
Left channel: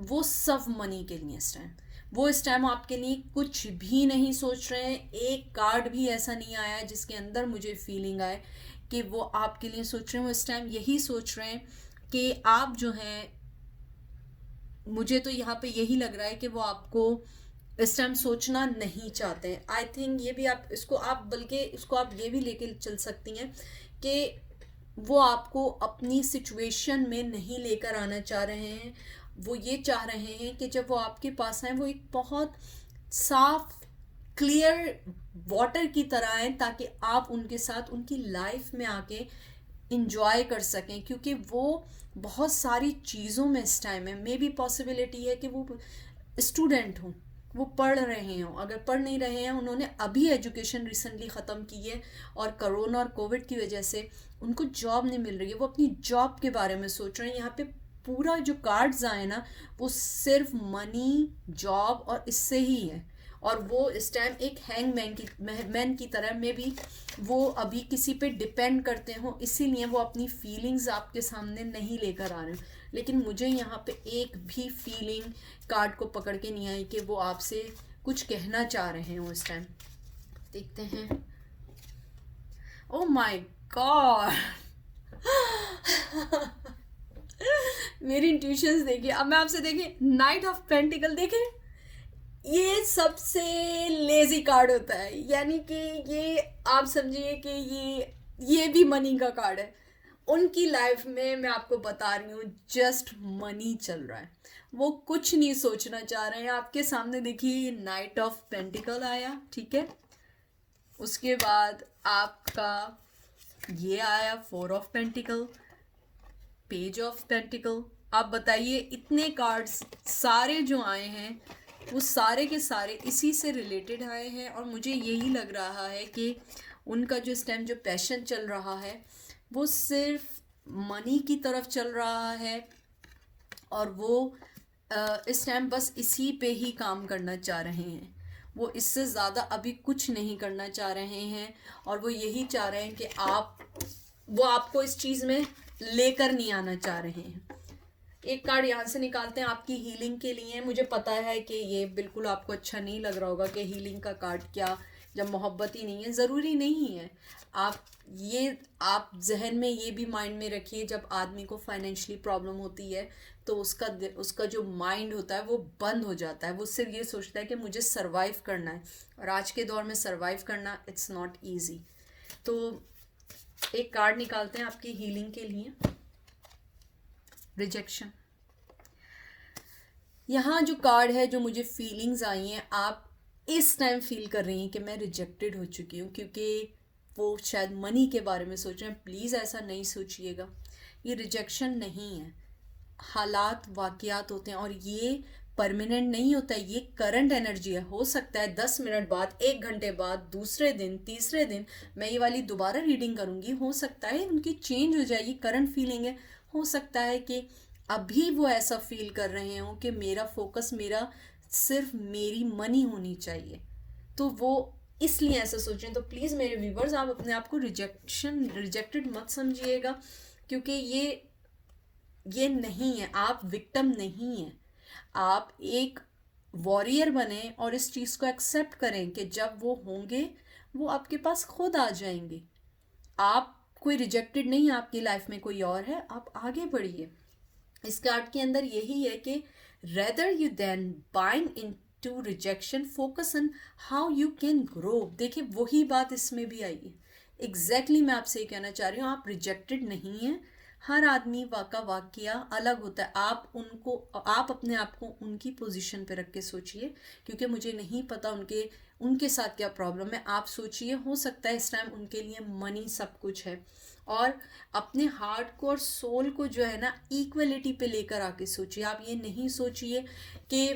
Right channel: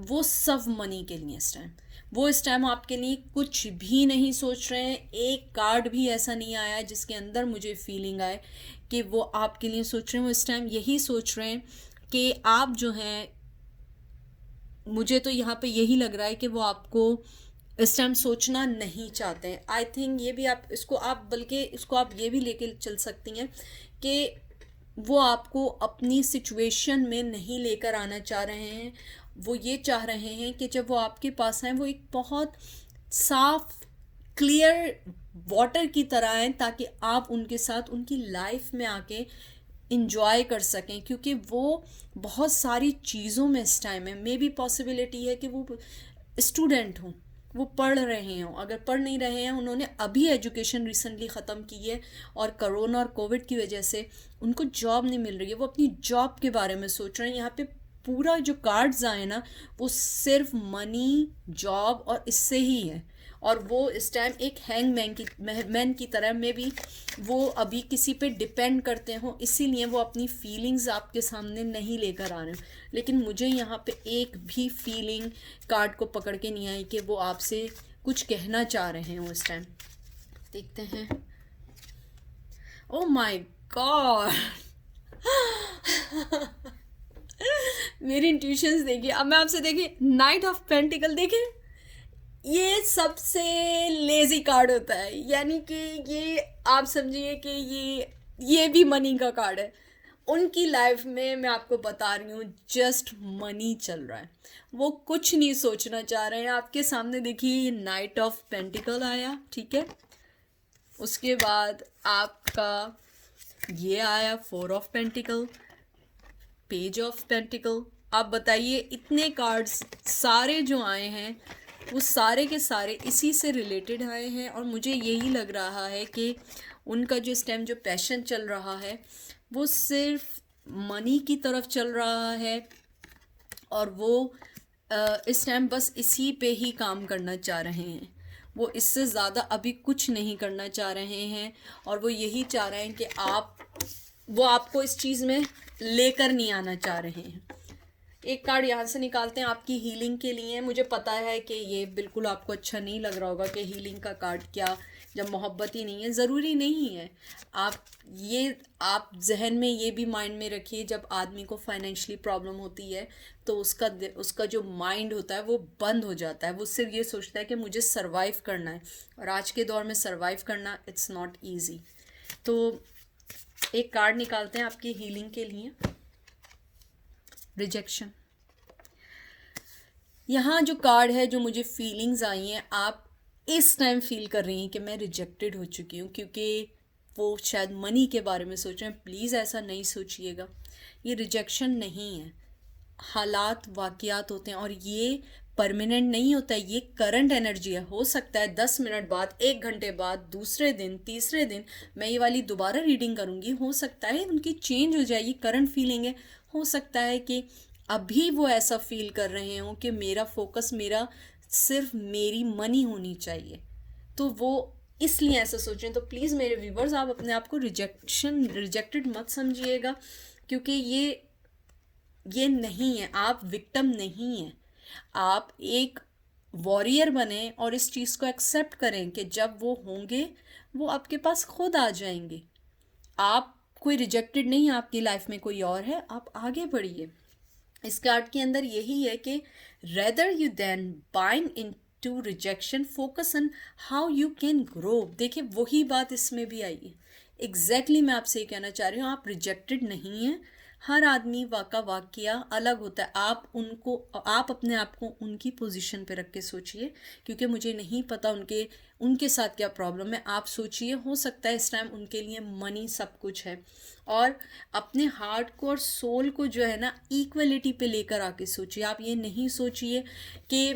वो सब मनी के लिए इस टाइम। वो इस टाइम आपके लिए कुछ भी नहीं सोच रहे हैं। एक कार्ड भी ऐसा नहीं आया है जिसके अंदर मुझे फीलिंग आए कि वो आपके लिए सोच रहे हैं। वो इस टाइम यही सोच रहे हैं कि आप जो हैं, मुझे तो यहाँ पे यही लग रहा है कि वो आपको इस टाइम सोचना नहीं चाहते हैं। आई थिंक ये भी आप इसको आप बल्कि इसको आप ये भी लेके चल सकती हैं कि वो आपको अपनी सिचुएशन में नहीं लेकर आना चाह रहे हैं। वो ये चाह रहे हैं कि जब वो आपके पास आए वो एक बहुत साफ क्लियर वाटर की तरह आए, ताकि आप उनके साथ उनकी लाइफ में आके इंजॉय कर सकें। क्योंकि वो बहुत सारी चीज़ों में इस टाइम है। मे बी पॉसिबिलिटी है कि वो स्टूडेंट हों, वो पढ़ रहे हों। अगर पढ़ नहीं रहे हैं, उन्होंने अभी एजुकेशन रिसेंटली ख़त्म की है और कोरोना और कोविड की वजह से उनको जॉब नहीं मिल रही है, वो अपनी जॉब के बारे में सोच रहे हैं। यहाँ पे पूरा जो कार्ड्स आए ना, वो सिर्फ मनी, जॉब और इससे ही है। और वो इस टाइम एक हैंग मैन की तरह में भी वो अभी किसी पे डिपेंड करते हो, इसीलिए वो अपनी फीलिंग्स आपके सामने नहीं लेकर आ रहे हैं। लेकिन मुझे यहाँ पे एक भी फीलिंग कार्ड को पकड़ के नहीं आई कि वो आपसे कुछ कहना चाह रहे हो इस टाइम। देखते हैं। ओ माय गॉड। मेरी इंट्यूशंस देखिए। अब मैं आपसे देखिए, नाइट ऑफ पेंटिकल देखें, ये सबसे लेजी कार्ड होता है। यानी कि ये आप समझिए कि ये भी मनी का कार्ड है। उनकी लाइफ में मैं आपको बता रही हूँ, जस्ट मनी चल रहा है। वो कुछ नहीं सोचना चाह रहे हैं। आपके सामने देखिए, नाइट ऑफ पेंटिकल आया, ठीक है। उसके बाद आपका ये आया four of pentacle, page of pentacle. आप बताइए, इतने कार्ड्स सारे जो आए हैं वो सारे के सारे इसी से रिलेटेड आए हैं। और मुझे यही लग रहा है कि उनका जो इस टाइम जो पैशन चल रहा है वो सिर्फ मनी की तरफ चल रहा है। और वो इस टाइम बस इसी पे ही काम करना चाह रहे हैं। वो इससे ज़्यादा अभी कुछ नहीं करना चाह रहे हैं। और वो यही चाह रहे हैं कि वो आपको इस चीज़ में लेकर नहीं आना चाह रहे हैं। एक कार्ड यहाँ से निकालते हैं आपकी हीलिंग के लिए। मुझे पता है कि ये बिल्कुल आपको अच्छा नहीं लग रहा होगा कि हीलिंग का कार्ड क्या, जब मोहब्बत ही नहीं है। ज़रूरी नहीं है। आप जहन में ये भी माइंड में रखिए, जब आदमी को फाइनेंशियली प्रॉब्लम होती है तो उसका जो माइंड होता है वो बंद हो जाता है। वो सिर्फ ये सोचता है कि मुझे सरवाइव करना है। और आज के दौर में सरवाइव करना इट्स नॉट ईजी। तो एक कार्ड निकालते हैं आपकी हीलिंग के लिए। रिजेक्शन। यहाँ जो कार्ड है, जो मुझे फीलिंग्स आई हैं, आप इस टाइम फील कर रही हैं कि मैं रिजेक्टेड हो चुकी हूँ, क्योंकि वो शायद मनी के बारे में सोच रहे हैं। प्लीज़ ऐसा नहीं सोचिएगा, ये रिजेक्शन नहीं है। हालात वाक़यात होते हैं और ये परमानेंट नहीं होता है। ये करंट एनर्जी है। हो सकता है 10 मिनट बाद, 1 घंटे बाद, दूसरे दिन, तीसरे दिन मैं ये वाली दोबारा रीडिंग करूँगी। हो सकता है उनकी चेंज हो जाए। ये करंट फीलिंग है। हो सकता है कि अभी वो ऐसा फील कर रहे हों कि मेरा फोकस, मेरा सिर्फ मेरी मनी होनी चाहिए, तो वो इसलिए ऐसा सोच रहे हैं। तो प्लीज़ मेरे व्यूवर्स, आप अपने आप को रिजेक्टेड मत समझिएगा, क्योंकि ये नहीं है। आप विक्टिम नहीं हैं। आप एक वॉरियर बने और इस चीज़ को एक्सेप्ट करें कि जब वो होंगे वो आपके पास खुद आ जाएंगे। आप कोई रिजेक्टेड नहीं है, आपकी लाइफ में कोई और है। आप आगे बढ़िए। इस कार्ड के अंदर यही है कि rather you than bind into rejection, focus on how you can grow. देखिए, वही बात इसमें भी आई है। एग्जैक्टली मैं आपसे ये कहना चाह रही हूँ, आप रिजेक्टेड नहीं हैं। हर आदमी का वाकया अलग होता है। आप अपने आप को उनकी पोजीशन पे रख के सोचिए, क्योंकि मुझे नहीं पता उनके साथ क्या प्रॉब्लम है। आप सोचिए, हो सकता है इस टाइम उनके लिए मनी सब कुछ है। और अपने हार्ट को और सोल को जो है ना, इक्वलिटी पे लेकर आके सोचिए। आप ये नहीं सोचिए कि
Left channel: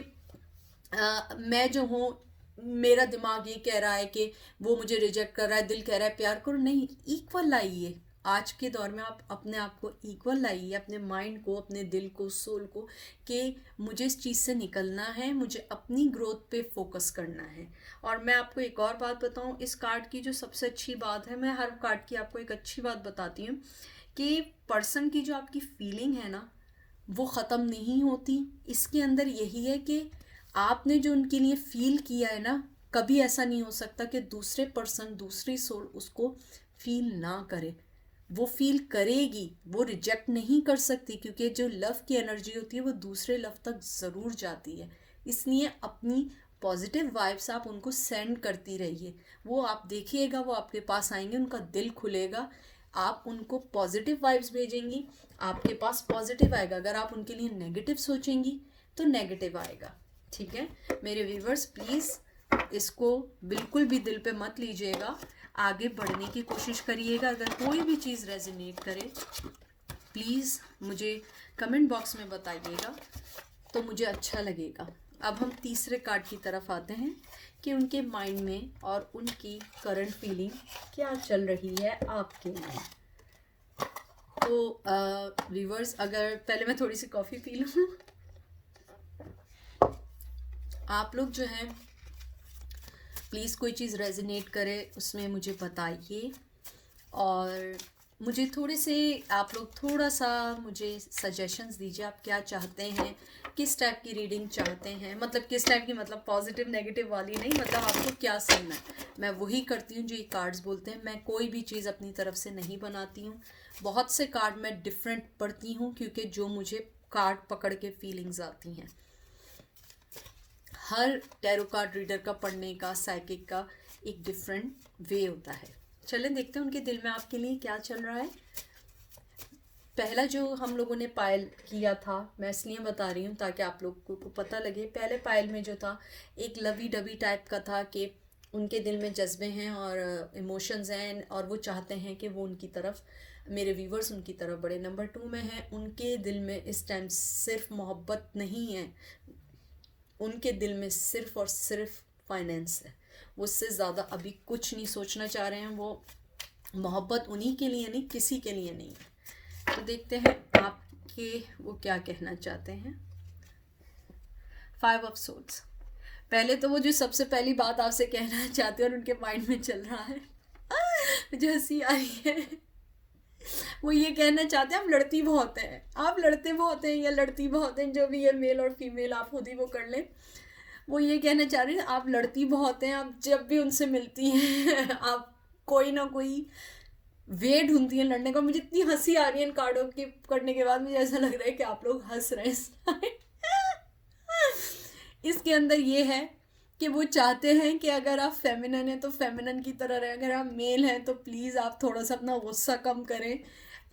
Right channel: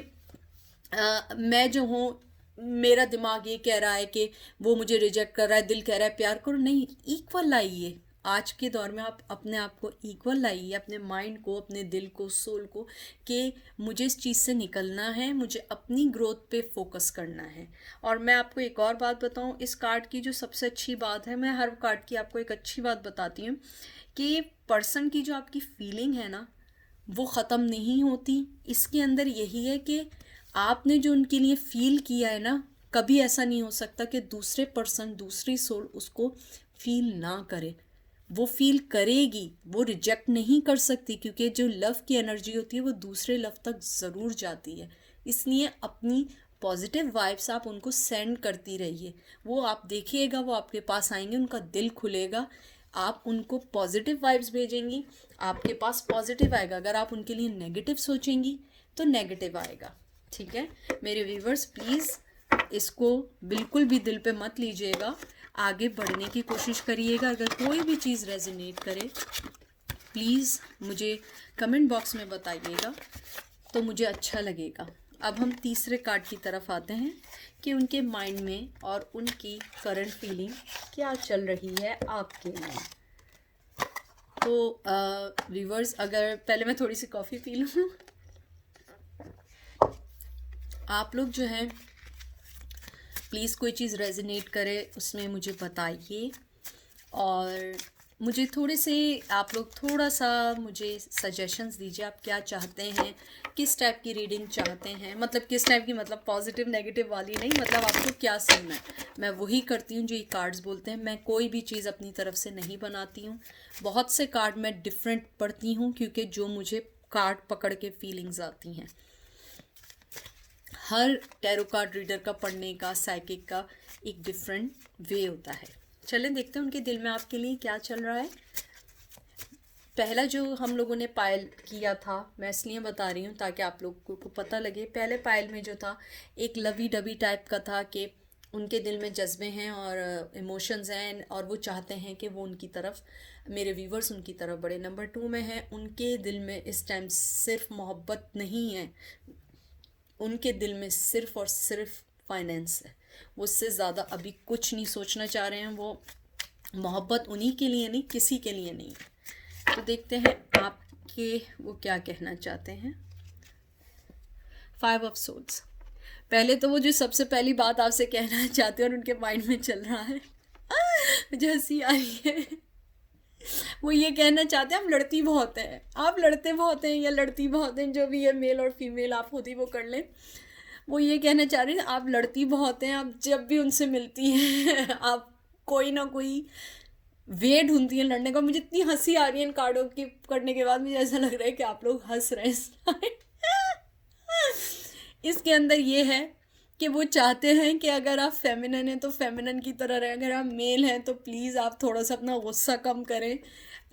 मैं जो हूँ, मेरा दिमाग ये कह रहा है कि वो मुझे रिजेक्ट कर रहा है, दिल कह रहा है प्यार करो। नहीं, इक्वल आइए। आज के दौर में आप अपने आप को इक्वल लाइए, अपने माइंड को, अपने दिल को, सोल को, कि मुझे इस चीज़ से निकलना है, मुझे अपनी ग्रोथ पे फोकस करना है। और मैं आपको एक और बात बताऊं, इस कार्ड की जो सबसे अच्छी बात है, मैं हर कार्ड की आपको एक अच्छी बात बताती हूँ, कि पर्सन की जो आपकी फीलिंग है ना, वो ख़त्म नहीं होती। इसके अंदर यही है कि आपने जो उनके लिए फील किया है ना, कभी ऐसा नहीं हो सकता कि दूसरे पर्सन, दूसरी सोल उसको फील ना करे। वो फील करेगी, वो रिजेक्ट नहीं कर सकती, क्योंकि जो लव की एनर्जी होती है वो दूसरे लव तक ज़रूर जाती है। इसलिए अपनी पॉजिटिव वाइब्स आप उनको सेंड करती रहिए। वो आप देखिएगा, वो आपके पास आएंगे, उनका दिल खुलेगा, आप उनको पॉजिटिव वाइब्स भेजेंगी, आपके पास पॉजिटिव आएगा। अगर आप उनके लिए नेगेटिव सोचेंगी तो नेगेटिव आएगा। ठीक है मेरे व्यूवर्स, प्लीज़ इसको बिल्कुल भी दिल पे मत लीजिएगा, आगे बढ़ने की कोशिश करिएगा। अगर कोई भी चीज़ रेजोनेट करे प्लीज़ मुझे कमेंट बॉक्स में बताइएगा, तो मुझे अच्छा लगेगा। अब हम तीसरे कार्ड की तरफ आते हैं कि उनके माइंड में और उनकी करंट फीलिंग क्या चल रही है आपके लिए। तो व्यूवर्स, अगर पहले मैं थोड़ी सी कॉफ़ी पी लूँ। आप लोग जो हैं प्लीज़ कोई चीज़ रेजोनेट करे उसमें मुझे बताइए, और मुझे थोड़े से आप लोग थोड़ा सा मुझे सजेशंस दीजिए, आप क्या चाहते हैं, किस टाइप की रीडिंग चाहते हैं। मतलब किस टाइप की, मतलब पॉजिटिव नेगेटिव वाली नहीं, मतलब आपको क्या सुनना है। मैं वही करती हूँ जो ये कार्ड्स बोलते हैं। मैं कोई भी चीज़ अपनी तरफ से नहीं बनाती हूँ। बहुत से कार्ड मैं डिफरेंट पढ़ती हूँ, क्योंकि जो मुझे कार्ड पकड़ के फीलिंग्स आती हैं। हर टैरो कार्ड रीडर का पढ़ने का, साइकिक का एक डिफरेंट वे होता है। चलें देखते हैं उनके दिल में आपके लिए क्या चल रहा है। पहला जो हम लोगों ने पायल किया था, मैं इसलिए बता रही हूँ ताकि आप लोगों को पता लगे। पहले पायल में जो था एक लवी डबी टाइप का था, कि उनके दिल में जज्बे हैं और इमोशंस हैं, और वो चाहते हैं कि वो उनकी तरफ, मेरे व्यूवर्स उनकी तरफ बढ़े। नंबर 2 में है, उनके दिल में इस टाइम सिर्फ मोहब्बत नहीं है, उनके दिल में सिर्फ और सिर्फ फाइनेंस है। वो उससे ज़्यादा अभी कुछ नहीं सोचना चाह रहे हैं। वो मोहब्बत उन्हीं के लिए नहीं, किसी के लिए नहीं है। तो देखते हैं आपके वो क्या कहना चाहते हैं। 5 ऑफ सोर्ड्स। पहले तो वो जो सबसे पहली बात आपसे कहना चाहते हैं और उनके माइंड में चल रहा है, मुझे हंसी आई है। वो ये कहना चाहते हैं, हम लड़ती बहुत हैं, आप लड़ते बहुत हैं या लड़ती बहुत हैं, जो भी है, मेल और फीमेल आप खुद ही वो कर लें। वो ये कहना चाह रहे हैं आप लड़ती बहुत हैं, आप जब भी उनसे मिलती हैं आप कोई ना कोई वे ढूंढती हैं लड़ने का। मुझे इतनी हंसी आ रही है इन कार्डों के करने के बाद, मुझे ऐसा लग रहा है कि आप लोग हंस रहे हैं। इसके अंदर ये है कि वो चाहते हैं कि अगर आप फेमिनन हैं तो फेमिनन की तरह रहें, अगर आप मेल हैं तो प्लीज़ आप थोड़ा सा अपना गुस्सा कम करें।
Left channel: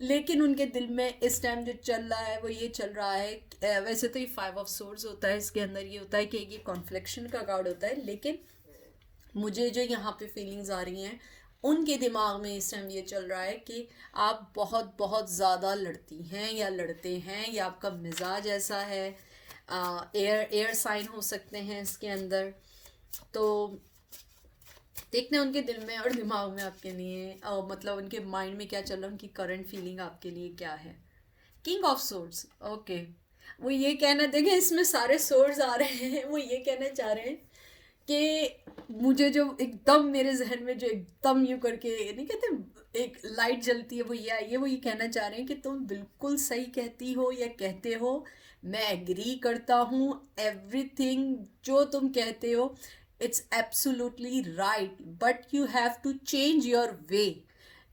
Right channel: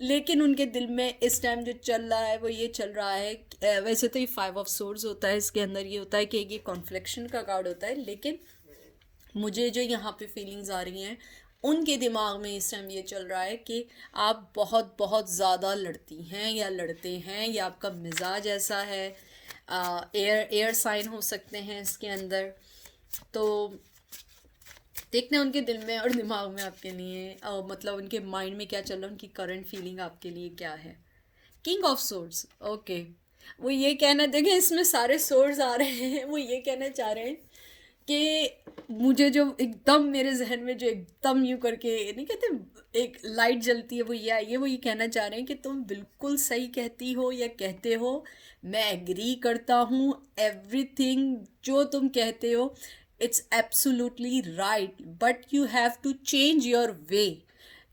लेकिन उनके दिल में इस टाइम जो चल रहा है वो ये चल रहा है, वैसे तो ये 5 ऑफ सोर्ड्स होता है, इसके अंदर ये होता है कि ये कॉन्फ्लिक्शन का कार्ड होता है, लेकिन मुझे जो यहाँ पे फीलिंग्स आ रही हैं, उनके दिमाग में इस टाइम ये चल रहा है कि आप बहुत बहुत ज़्यादा लड़ती हैं या लड़ते हैं, या आपका मिजाज ऐसा है। एयर साइन हो सकते हैं इसके अंदर। तो देखते हैं उनके दिल में और दिमाग में आपके लिए, मतलब उनके माइंड में क्या चल रहा है, उनकी करंट फीलिंग आपके लिए क्या है। King of swords. ओके, वो ये कहना, देखें इसमें सारे सोर्ड्स आ रहे हैं, वो ये कहना चाह रहे हैं कि मुझे जो एकदम मेरे जहन में जो एकदम यूँ करके नहीं कहते एक लाइट जलती है, वो ये आई है। वो ये कहना चाह रहे हैं कि तुम बिल्कुल सही कहती हो या कहते हो, मैं एग्री करता हूँ, एवरीथिंग जो तुम कहते हो it's absolutely right, but you have to change your way.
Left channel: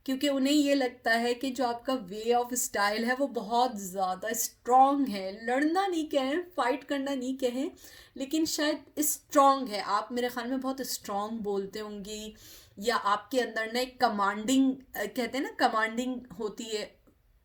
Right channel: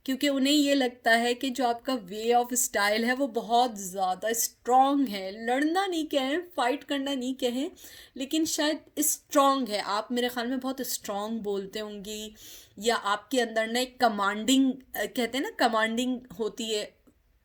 क्योंकि उन्हें ये लगता है कि जो आपका वे ऑफ स्टाइल है वो बहुत ज़्यादा स्ट्रॉन्ग है। लड़ना नहीं कहें, फाइट करना नहीं कहें, लेकिन शायद स्ट्रॉन्ग है। आप मेरे ख्याल में बहुत स्ट्रॉन्ग बोलते होंगी, या आपके अंदर ना एक कमांडिंग, कहते हैं ना कमांडिंग होती है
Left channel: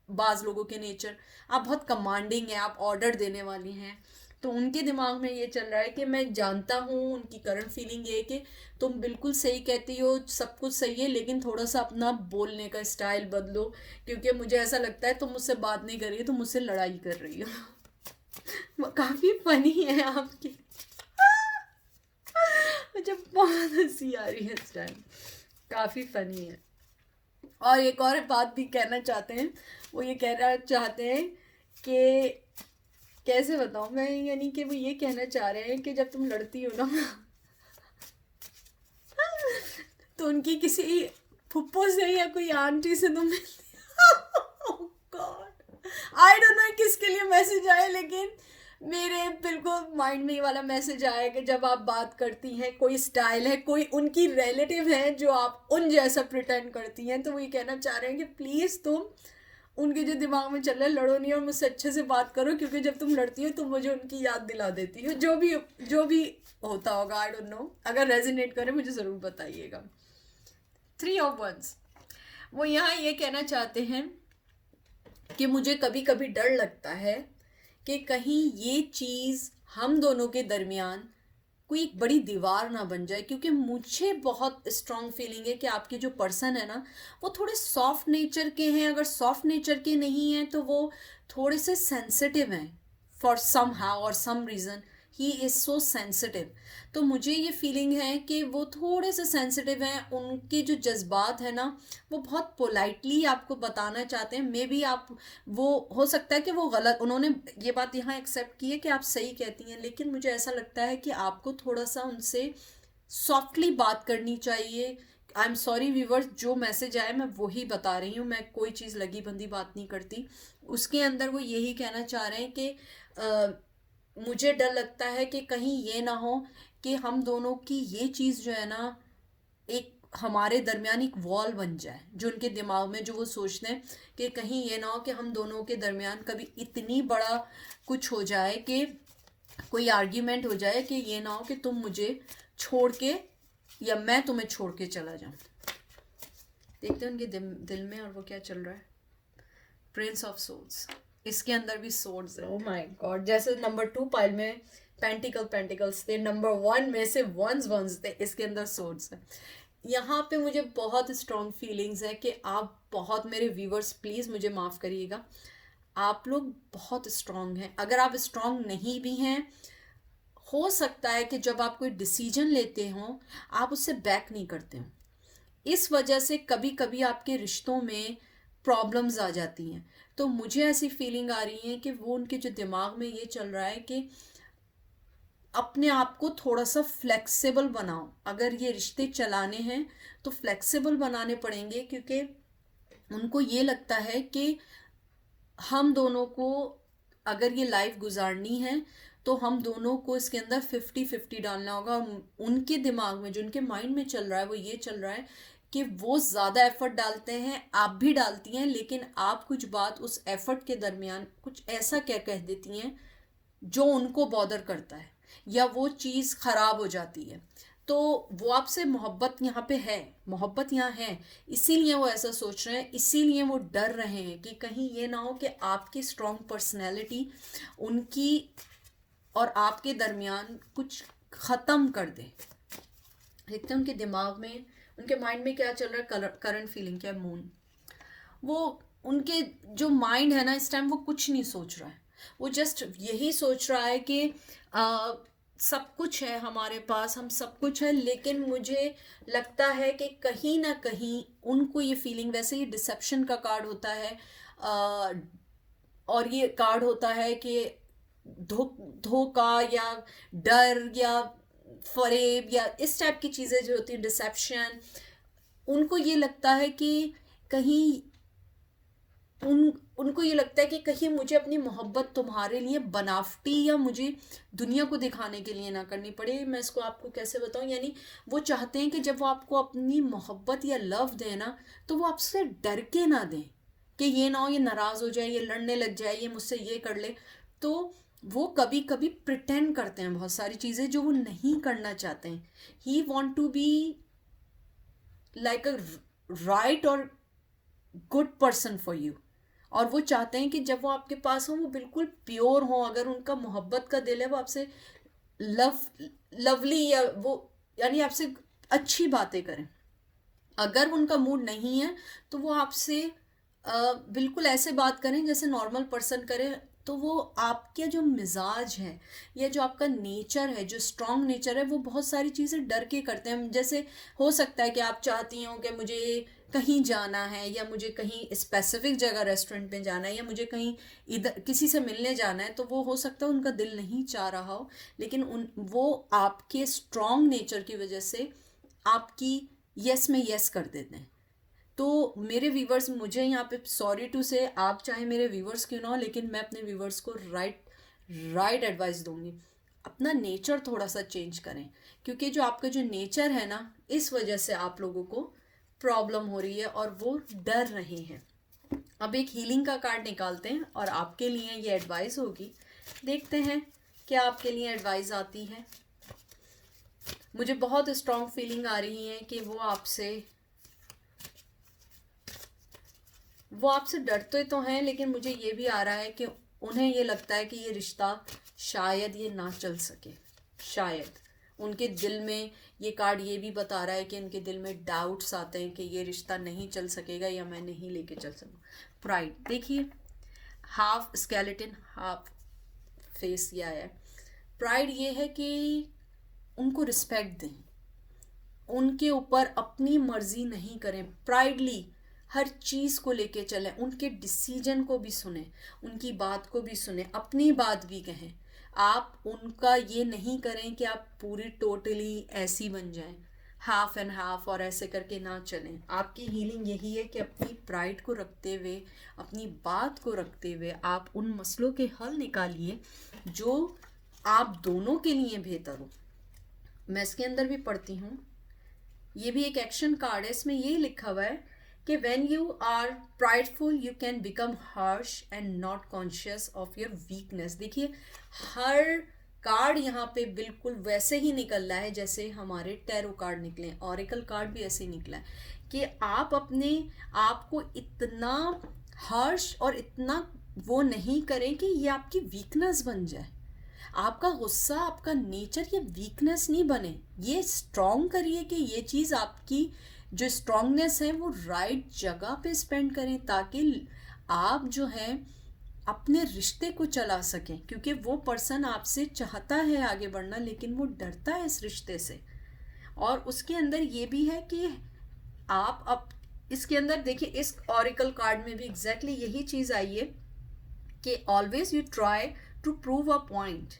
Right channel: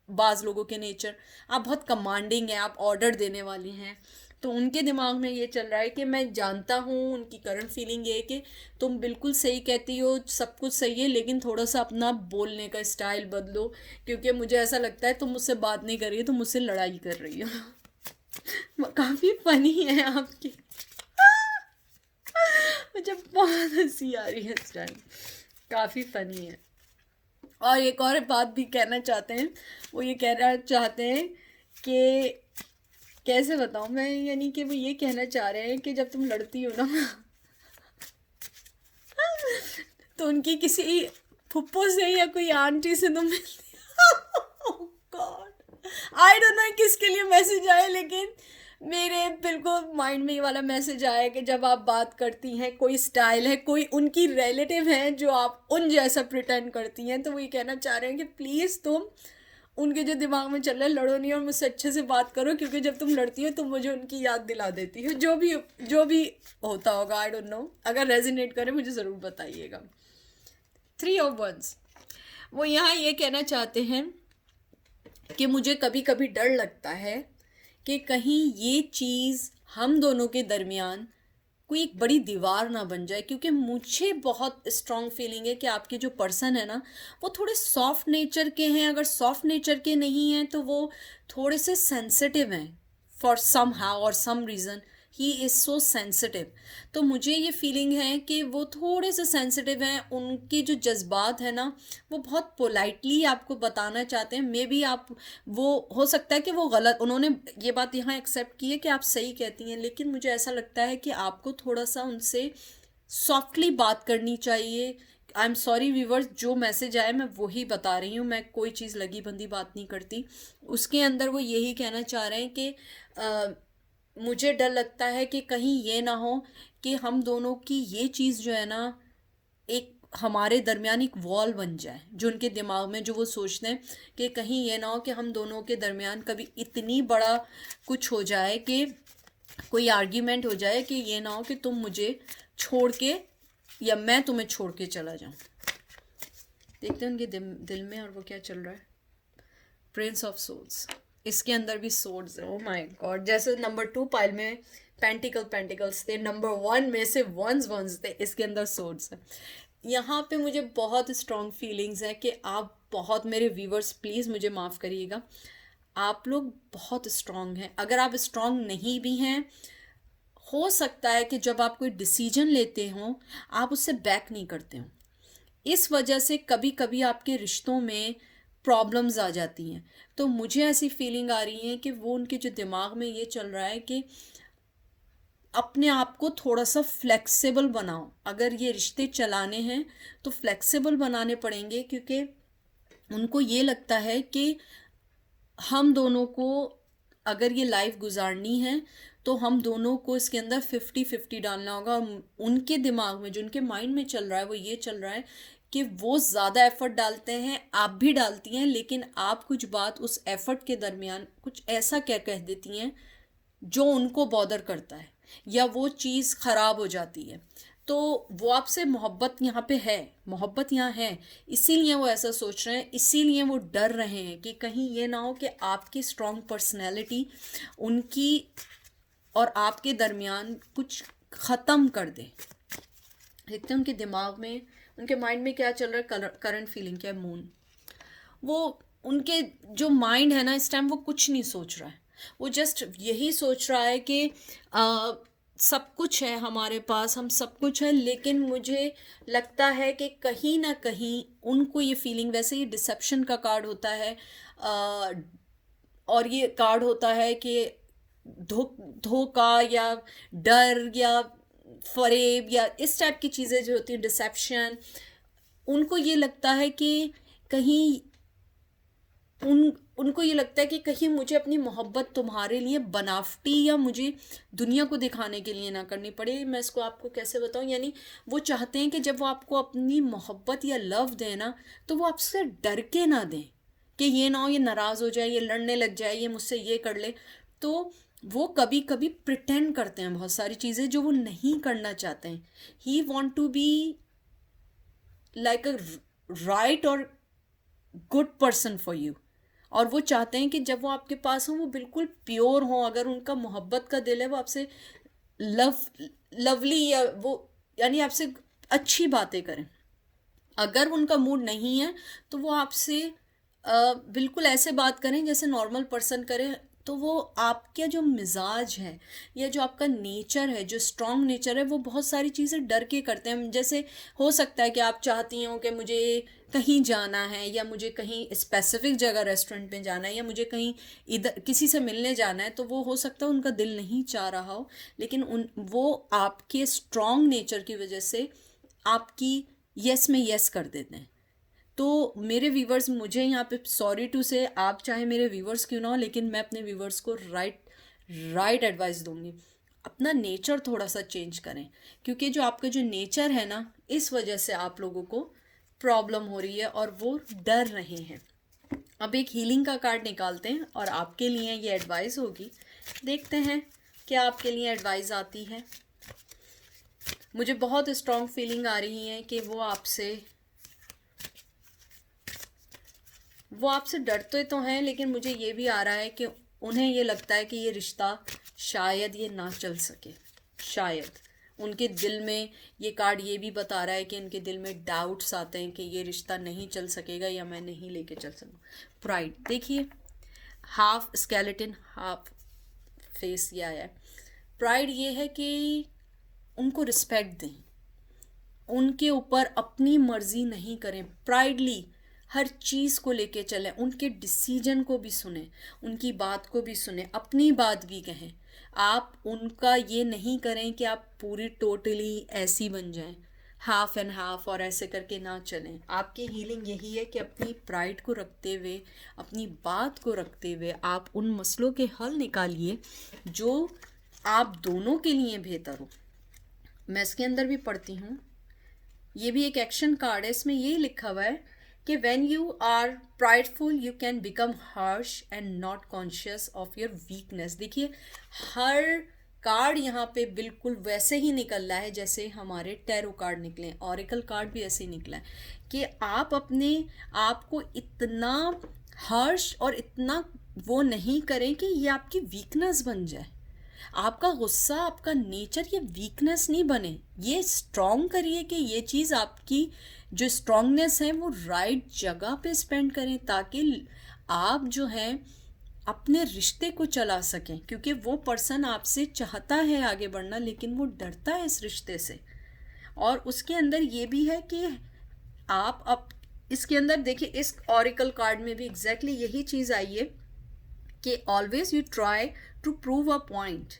बाज़ लोगों के नेचर, आप बहुत कमांडिंग है, आप ऑर्डर देने वाली हैं। तो उनके दिमाग में ये चल रहा है कि मैं जानता हूँ, उनकी करंट फीलिंग ये है कि तुम बिल्कुल सही कहती हो, सब कुछ सही है, लेकिन थोड़ा सा अपना बोलने का स्टाइल बदलो, क्योंकि मुझे ऐसा लगता है तुम मुझसे बात नहीं कर रही हो, तुम मुझसे लड़ाई कर रही हो। काफ़ी फनी है आपकी। मुझे बहुत हंसी आ रही है इस टाइम, काफ़ी फनी है। और एक और बात भी कहना चाहते हैं, वो ये कहना चाहते हैं कि कैसे बताऊं मैं, यानी कि वो ये कहना चाह रहे हैं कि जब तुम लड़ती हो ना तो उनकी किसी फुप्पो से या कोई आंटी से तुम गॉड, आई डोंट नो किसके लिए मैसेज आया, लेकिन मेरे बिल्कुल माइंड में ये वाला मैसेज आया कि जब आप बात करती हैं, कोई स्टाइल है, कोई उनकी रिलेटिव है जो आप उन जैसा प्रिटेंड करती हैं, तो वो ये कहना चाह रहे हैं कि प्लीज़ तुम उनके जो दिमाग में चल रहा है लड़ो नहीं और मुझसे अच्छे से बात करो, क्योंकि जब तुम लड़ती हो तुम मुझे उनकी याद दिला देती हो। जो भी होता होगा, आई डोंट नो, अगर रेजोनेट करे मुझे ज़रूर बताइएगा। 3 ऑफ 1, वो यहाँ ये कहना चाहते हैं कि मुझे कभी कभी डर लगता है कि कहीं ये चीज़ हम दोनों के दरमियान कोई एक बड़ी दीवार ना बन जाए, क्योंकि मुझे बहुत स्ट्रांग फीलिंग है कि आपके जो पर्सन है ना, वो थोड़े सॉफ्ट नेचर के हैं। अगर सॉफ्ट नेचर के नहीं हैं तो वो थोड़े से सेंसिटिव हैं, for somehow or some reason he is so sensitive. तो मुझे ये फीलिंग है कि वो थोड़े से सेंसिटिव हैं, उनके जो जज्बात है ना वो बहुत पोलाइटली आपको बताना चाहते हैं। मे बी आप, वो हो सकता है कि वो गलत, उन्होंने ये बात यहाँ एक्सेप्ट की है कि आप सही कहती हैं, लेकिन मुझे ऐसा लगता है कि आपको थोड़ा सा उनसे सॉफ्टली बात करनी चाहिए। आई एम सॉरी व्यूवर्स, जो मैसेज आया मैं वही बता रही हूँ, मैं कोई चीज़ लगी बंदी बात नहीं करती। उसके अंदर वो यही कहना चाह रहे हैं कि मुझे डर लगता है कि कहीं ये ना हो कि हम दोनों की ये चीज़ जो है ना, एक हमारे दरमियान एक वॉल बन जाए, जो उनके दिमाग में जो वो सोचते हैं कि कहीं ये ना हो कि हम दोनों के दरमियान कभी इतनी बड़ा कुछ हो जाए कि कोई आर्ग्यूमेंट हो जाए कि ये ना हो कि तुम मुझे छोड़ के या मैं तुम्हें छोड़ के चला जाऊं। देखते हैं उनके दिल में और वो क्या चल रहा है। प्रिंस ऑफ सोल्स, इसके अंदर भी सोर्ड्स है। ओह माय गॉड, जैसे नंबर 2 पाइल में पेंटिकल्स थे, नंबर 1 में से वंस थे, इसके अंदर सोर्ड्स है। यहाँ पे मुझे बहुत स्ट्रॉन्ग फीलिंग्स है कि आप बहुत, मेरे व्यूवर्स प्लीज़ मुझे माफ़ करिएगा, आप लोग बहुत स्ट्रॉन्ग हैं। अगर आप स्ट्रॉन्ग नहीं भी हैं, हो सकता है कि जब आप कोई डिसीजन लेते हो आप उससे बैक नहीं करते हो, इस वजह से कभी कभी आपके रिश्तों में प्रॉब्लम्स आ जाती हैं। तो मुझे ऐसी फीलिंग आ रही है कि वो उनके जो दिमाग में ये चल रहा है कि अपने आप को थोड़ा सा फ्लेक्सिबल बनाओ। अगर ये रिश्ते चलाने हैं तो फ्लेक्सिबल बनाने पड़ेंगे, क्योंकि उनको ये लगता है कि हम दोनों को अगर ये लाइफ गुजारनी है तो हम दोनों को इसके अंदर 50-50 डालना होगा। उनके दिमाग में जो उनके माइंड में चल रहा है वो ये चल रहा है कि वो ज़्यादा एफर्ट डालते हैं, आप भी डालती हैं, लेकिन आप कुछ बात उस एफर्ट के दरमियान कुछ ऐसा क्या कह देती हैं जो उनको बॉदर करता है या वो चीज़ ख़राब हो जाती है। तो वो आपसे मोहब्बत यहाँ पे है, मोहब्बत यहाँ है, इसीलिए वो ऐसा सोच रहे हैं, इसीलिए वो डर रहे हैं कि कहीं ये ना हो कि आपकी स्ट्रॉन्ग पर्सनैलिटी उनकी और आपके दरमियान कुछ ख़त्म कर दे। देखते हैं उनके दिमाग में, उनके माइंड में क्या चल रहा है, करंट फीलिंग क्या है। मून, वो उनके जो माइंड है ना इस टाइम, वो कुछ नहीं सोच रहा है, वो जस्ट यही सोच रहा है कि सब कुछ है हमारे पास, हम सब कुछ है, लेकिन मुझे लगता है कि कहीं ना कहीं उनको ये फीलिंग, वैसे ही डिसेप्शन का कार्ड होता है, आ, और ये कार्ड होता है कि धोखा या डर या फरेब या इस टाइप की चीज़ें जो होती हैं, डिसेप्शन, उनको ये लगता है कि कहीं उनको ये लगता है कि कहीं मुझे अपनी मोहब्बत तुम्हारे लिए बनावटी या मुझे दुनिया को दिखाने के लिए ना करनी पड़े। मैं इसको आपको कैसे बताऊं, यानी वो चाहते हैं कि जब वो आपको अपनी मोहब्बत या लव दें ना, तो वो आपसे डर के ना दें कि ये ना हो ये नाराज़ हो जाए, ये लड़ने लग जाए, ये मुझसे ये कर ले। तो वो कभी कभी प्रिटेंड करते हैं बहुत सारी चीज़ें जो वो नहीं करना चाहते हैं। He want to be like a right और गुड पर्सन फॉर यू, और वो चाहते हैं कि जब वो आपके पास हो वो बिल्कुल प्योर हो। अगर उनका मोहब्बत का दिल है वो आपसे लव लवली या वो यानी आपसे अच्छी बातें करें। अगर उनका मूड नहीं है तो वो आपसे बिल्कुल ऐसे बात करें जैसे नॉर्मल पर्सन करे, तो वो आपका जो मिजाज है या जो आपका नेचर है, जो स्ट्रॉन्ग नेचर है, वो बहुत सारी चीज़ें डर के करते हैं। जैसे हो सकता है कि आप चाहती हो कि मुझे कहीं जाना है या मुझे कहीं स्पेसिफिक जगह रेस्टोरेंट में जाना है या मुझे कहीं इधर किसी से मिलने जाना है, तो वो हो सकता है उनका दिल नहीं चाह रहा हो, लेकिन उन वो आपके स्ट्रॉन्ग नेचर की वजह से आपकी यस में यस कर देते हैं। तो मेरे व्यूवर्स, मुझे यहाँ पे सॉरी टू से, आप चाहे मेरे व्यूवर्स क्यों ना हो, लेकिन मैं अपने व्यूवर्स को राइट एडवाइस दूंगी। अपना नेचर थोड़ा सा चेंज करें, क्योंकि जो आपका जो नेचर है ना, इस वजह से आप लोगों को प्रॉब्लम हो रही है और वो डर रहे हैं। अब एक हीलिंग का कार्ड निकालते हैं और आपके लिए ये एडवाइस होगी। देखते हैं क्या आपके लिए एडवाइस आती है। मुझे बहुत स्ट्रॉन्ग फीलिंग आ रही है कि वो आपसे डरते तो हैं, लेकिन मुझे ये भी आ रहा है कि उन्हें ये लगता है कि ये रिश्ता शायद ये ना चल सके। शायद उनके दिल में, ये कार्ड ये भी बता रहा है कि उनके दिल में डाउट्स आते हैं कि ये रिश्ता नहीं चल सकेगा या मैं नहीं लेके चल सकूँ। प्राइड, देखिए, हाफ स्केलेटन हाफ फेस ये आया है। प्राइड ये है कि उनको रिस्पेक्ट दें, उनके ऊपर अपनी मर्जी नहीं करें, प्राइडली हर चीज़ को लेके चलें, उनके डिसीजन को भी सुने, उनकी बात को भी सुने, अपनी बात भी कहें। आप उनका ये नहीं करें कि आप पूरी टोटली ऐसी बन जाएं, हाफ एंड हाफ और ऐसे करके ना चलें। आपकी हीलिंग यही है कि अपनी प्राइड को रखते हुए, अपनी बात को रखते हुए आप उन मसलों के हल निकालिए जो आप दोनों के लिए बेहतर हो। मैं इसके अंदर भी पढ़ती हूँ, ये भी एक एक्शन कार्ड है, इसमें ये लिखा हुआ है कि when you are prideful you can become harsh and not conscious of your weakness. देखिए, हर कार्ड यहाँ पे बिल्कुल वैसे ही निकल रहा है जैसे हमारे टैरो कार्ड निकले, ऑरेकल कार्ड भी ऐसे ही निकला है कि आप अपने आप को इतना हार्श और इतना वो नहीं करें कि ये आपकी वीकनेस बन जाए। आपका गुस्सा, आपका नेचर ये वीकनेस नहीं बने, ये स्ट्रॉन्ग करिए कि ये चीज़ आपकी जो स्ट्रॉन्गनेस है वो राइट जगह पे स्पेंड करें, ताकि आप जो है अपने रिश्ते को चला सकें। क्योंकि वो पर्सन आपसे चाहता है आगे बढ़ना, लेकिन वो डरता है इस रिश्ते से। और उसके अंदर ये भी है कि आप अब इसके अंदर देखिए, इस ऑरिकल कार्ड में भी एग्जैक्टली यही चीज़ आई है कि always you try to prove a point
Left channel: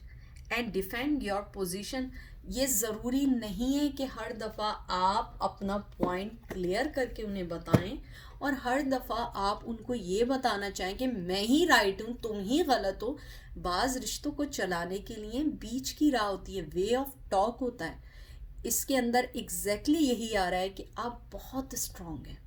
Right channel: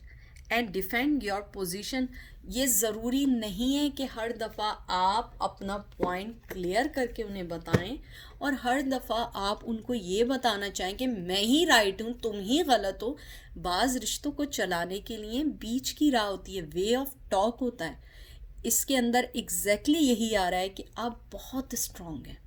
and defend your position. ये ज़रूरी नहीं है कि हर दफ़ा आप अपना पॉइंट क्लियर करके उन्हें बताएं और हर दफ़ा आप उनको ये बताना चाहें कि मैं ही राइट हूँ, तुम ही गलत हो। बाज़ रिश्तों को चलाने के लिए बीच की राह होती है, वे ऑफ टॉक होता है। इसके अंदर एग्जैक्टली यही आ रहा है कि आप बहुत स्ट्रांग हैं,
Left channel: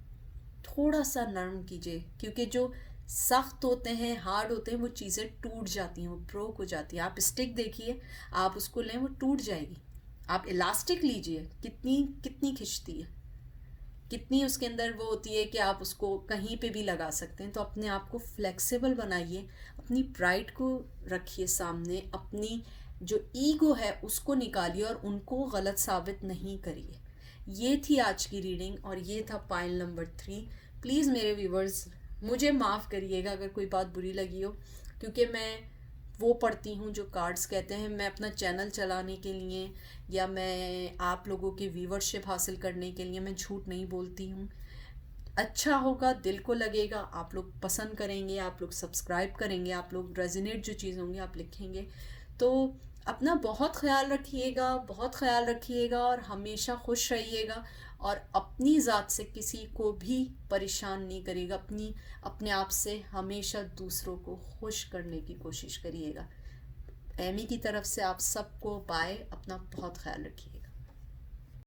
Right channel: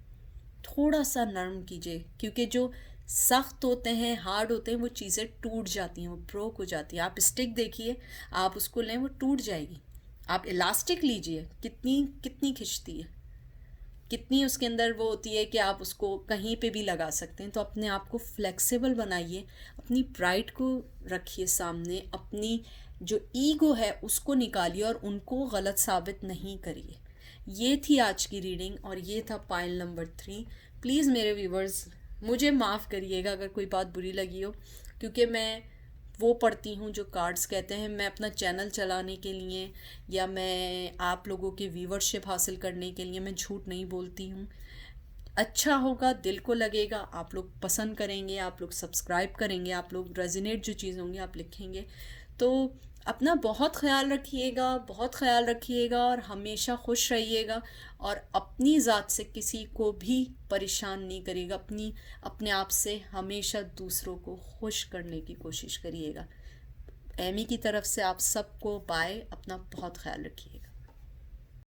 थोड़ा सा नरम कीजिए, क्योंकि जो सख्त होते हैं, हार्ड होते हैं, वो चीज़ें टूट जाती हैं, वो ब्रोक हो जाती हैं। आप स्टिक देखिए, आप उसको लें वो टूट जाएगी। आप इलास्टिक लीजिए, कितनी कितनी खिंचती है, कितनी उसके अंदर वो होती है कि आप उसको कहीं पे भी लगा सकते हैं। तो अपने आप को फ्लेक्सिबल बनाइए, अपनी प्राइड को रखिए सामने, अपनी जो ईगो है उसको निकालिए और उनको गलत साबित नहीं करिए। ये थी आज की रीडिंग और ये था पाइल नंबर 3। प्लीज़ मेरे व्यूवर्स, मुझे माफ़ करिएगा अगर कोई बात बुरी लगी हो, क्योंकि मैं वो पढ़ती हूँ जो कार्ड्स कहते हैं। मैं अपना चैनल चलाने के लिए या मैं आप लोगों की व्यूवरशिप हासिल करने के लिए मैं झूठ नहीं बोलती हूँ। अच्छा होगा, दिल को लगेगा, आप लोग पसंद करेंगे, आप लोग सब्सक्राइब करेंगे, आप लोग रेजोनेट जो चीज़ होंगी आप लिखेंगे। तो अपना बहुत ख्याल रखिएगा, बहुत ख्याल रखिएगा और हमेशा खुश रहिएगा और अपनी ज़ात से किसी को भी परेशान नहीं करिएगा। अपने आप से हमेशा दूसरों को खुश करने की कोशिश करिएगा। एमी की तरफ से आप सबको बाय, अपना बहुत ख्याल रखिएगा।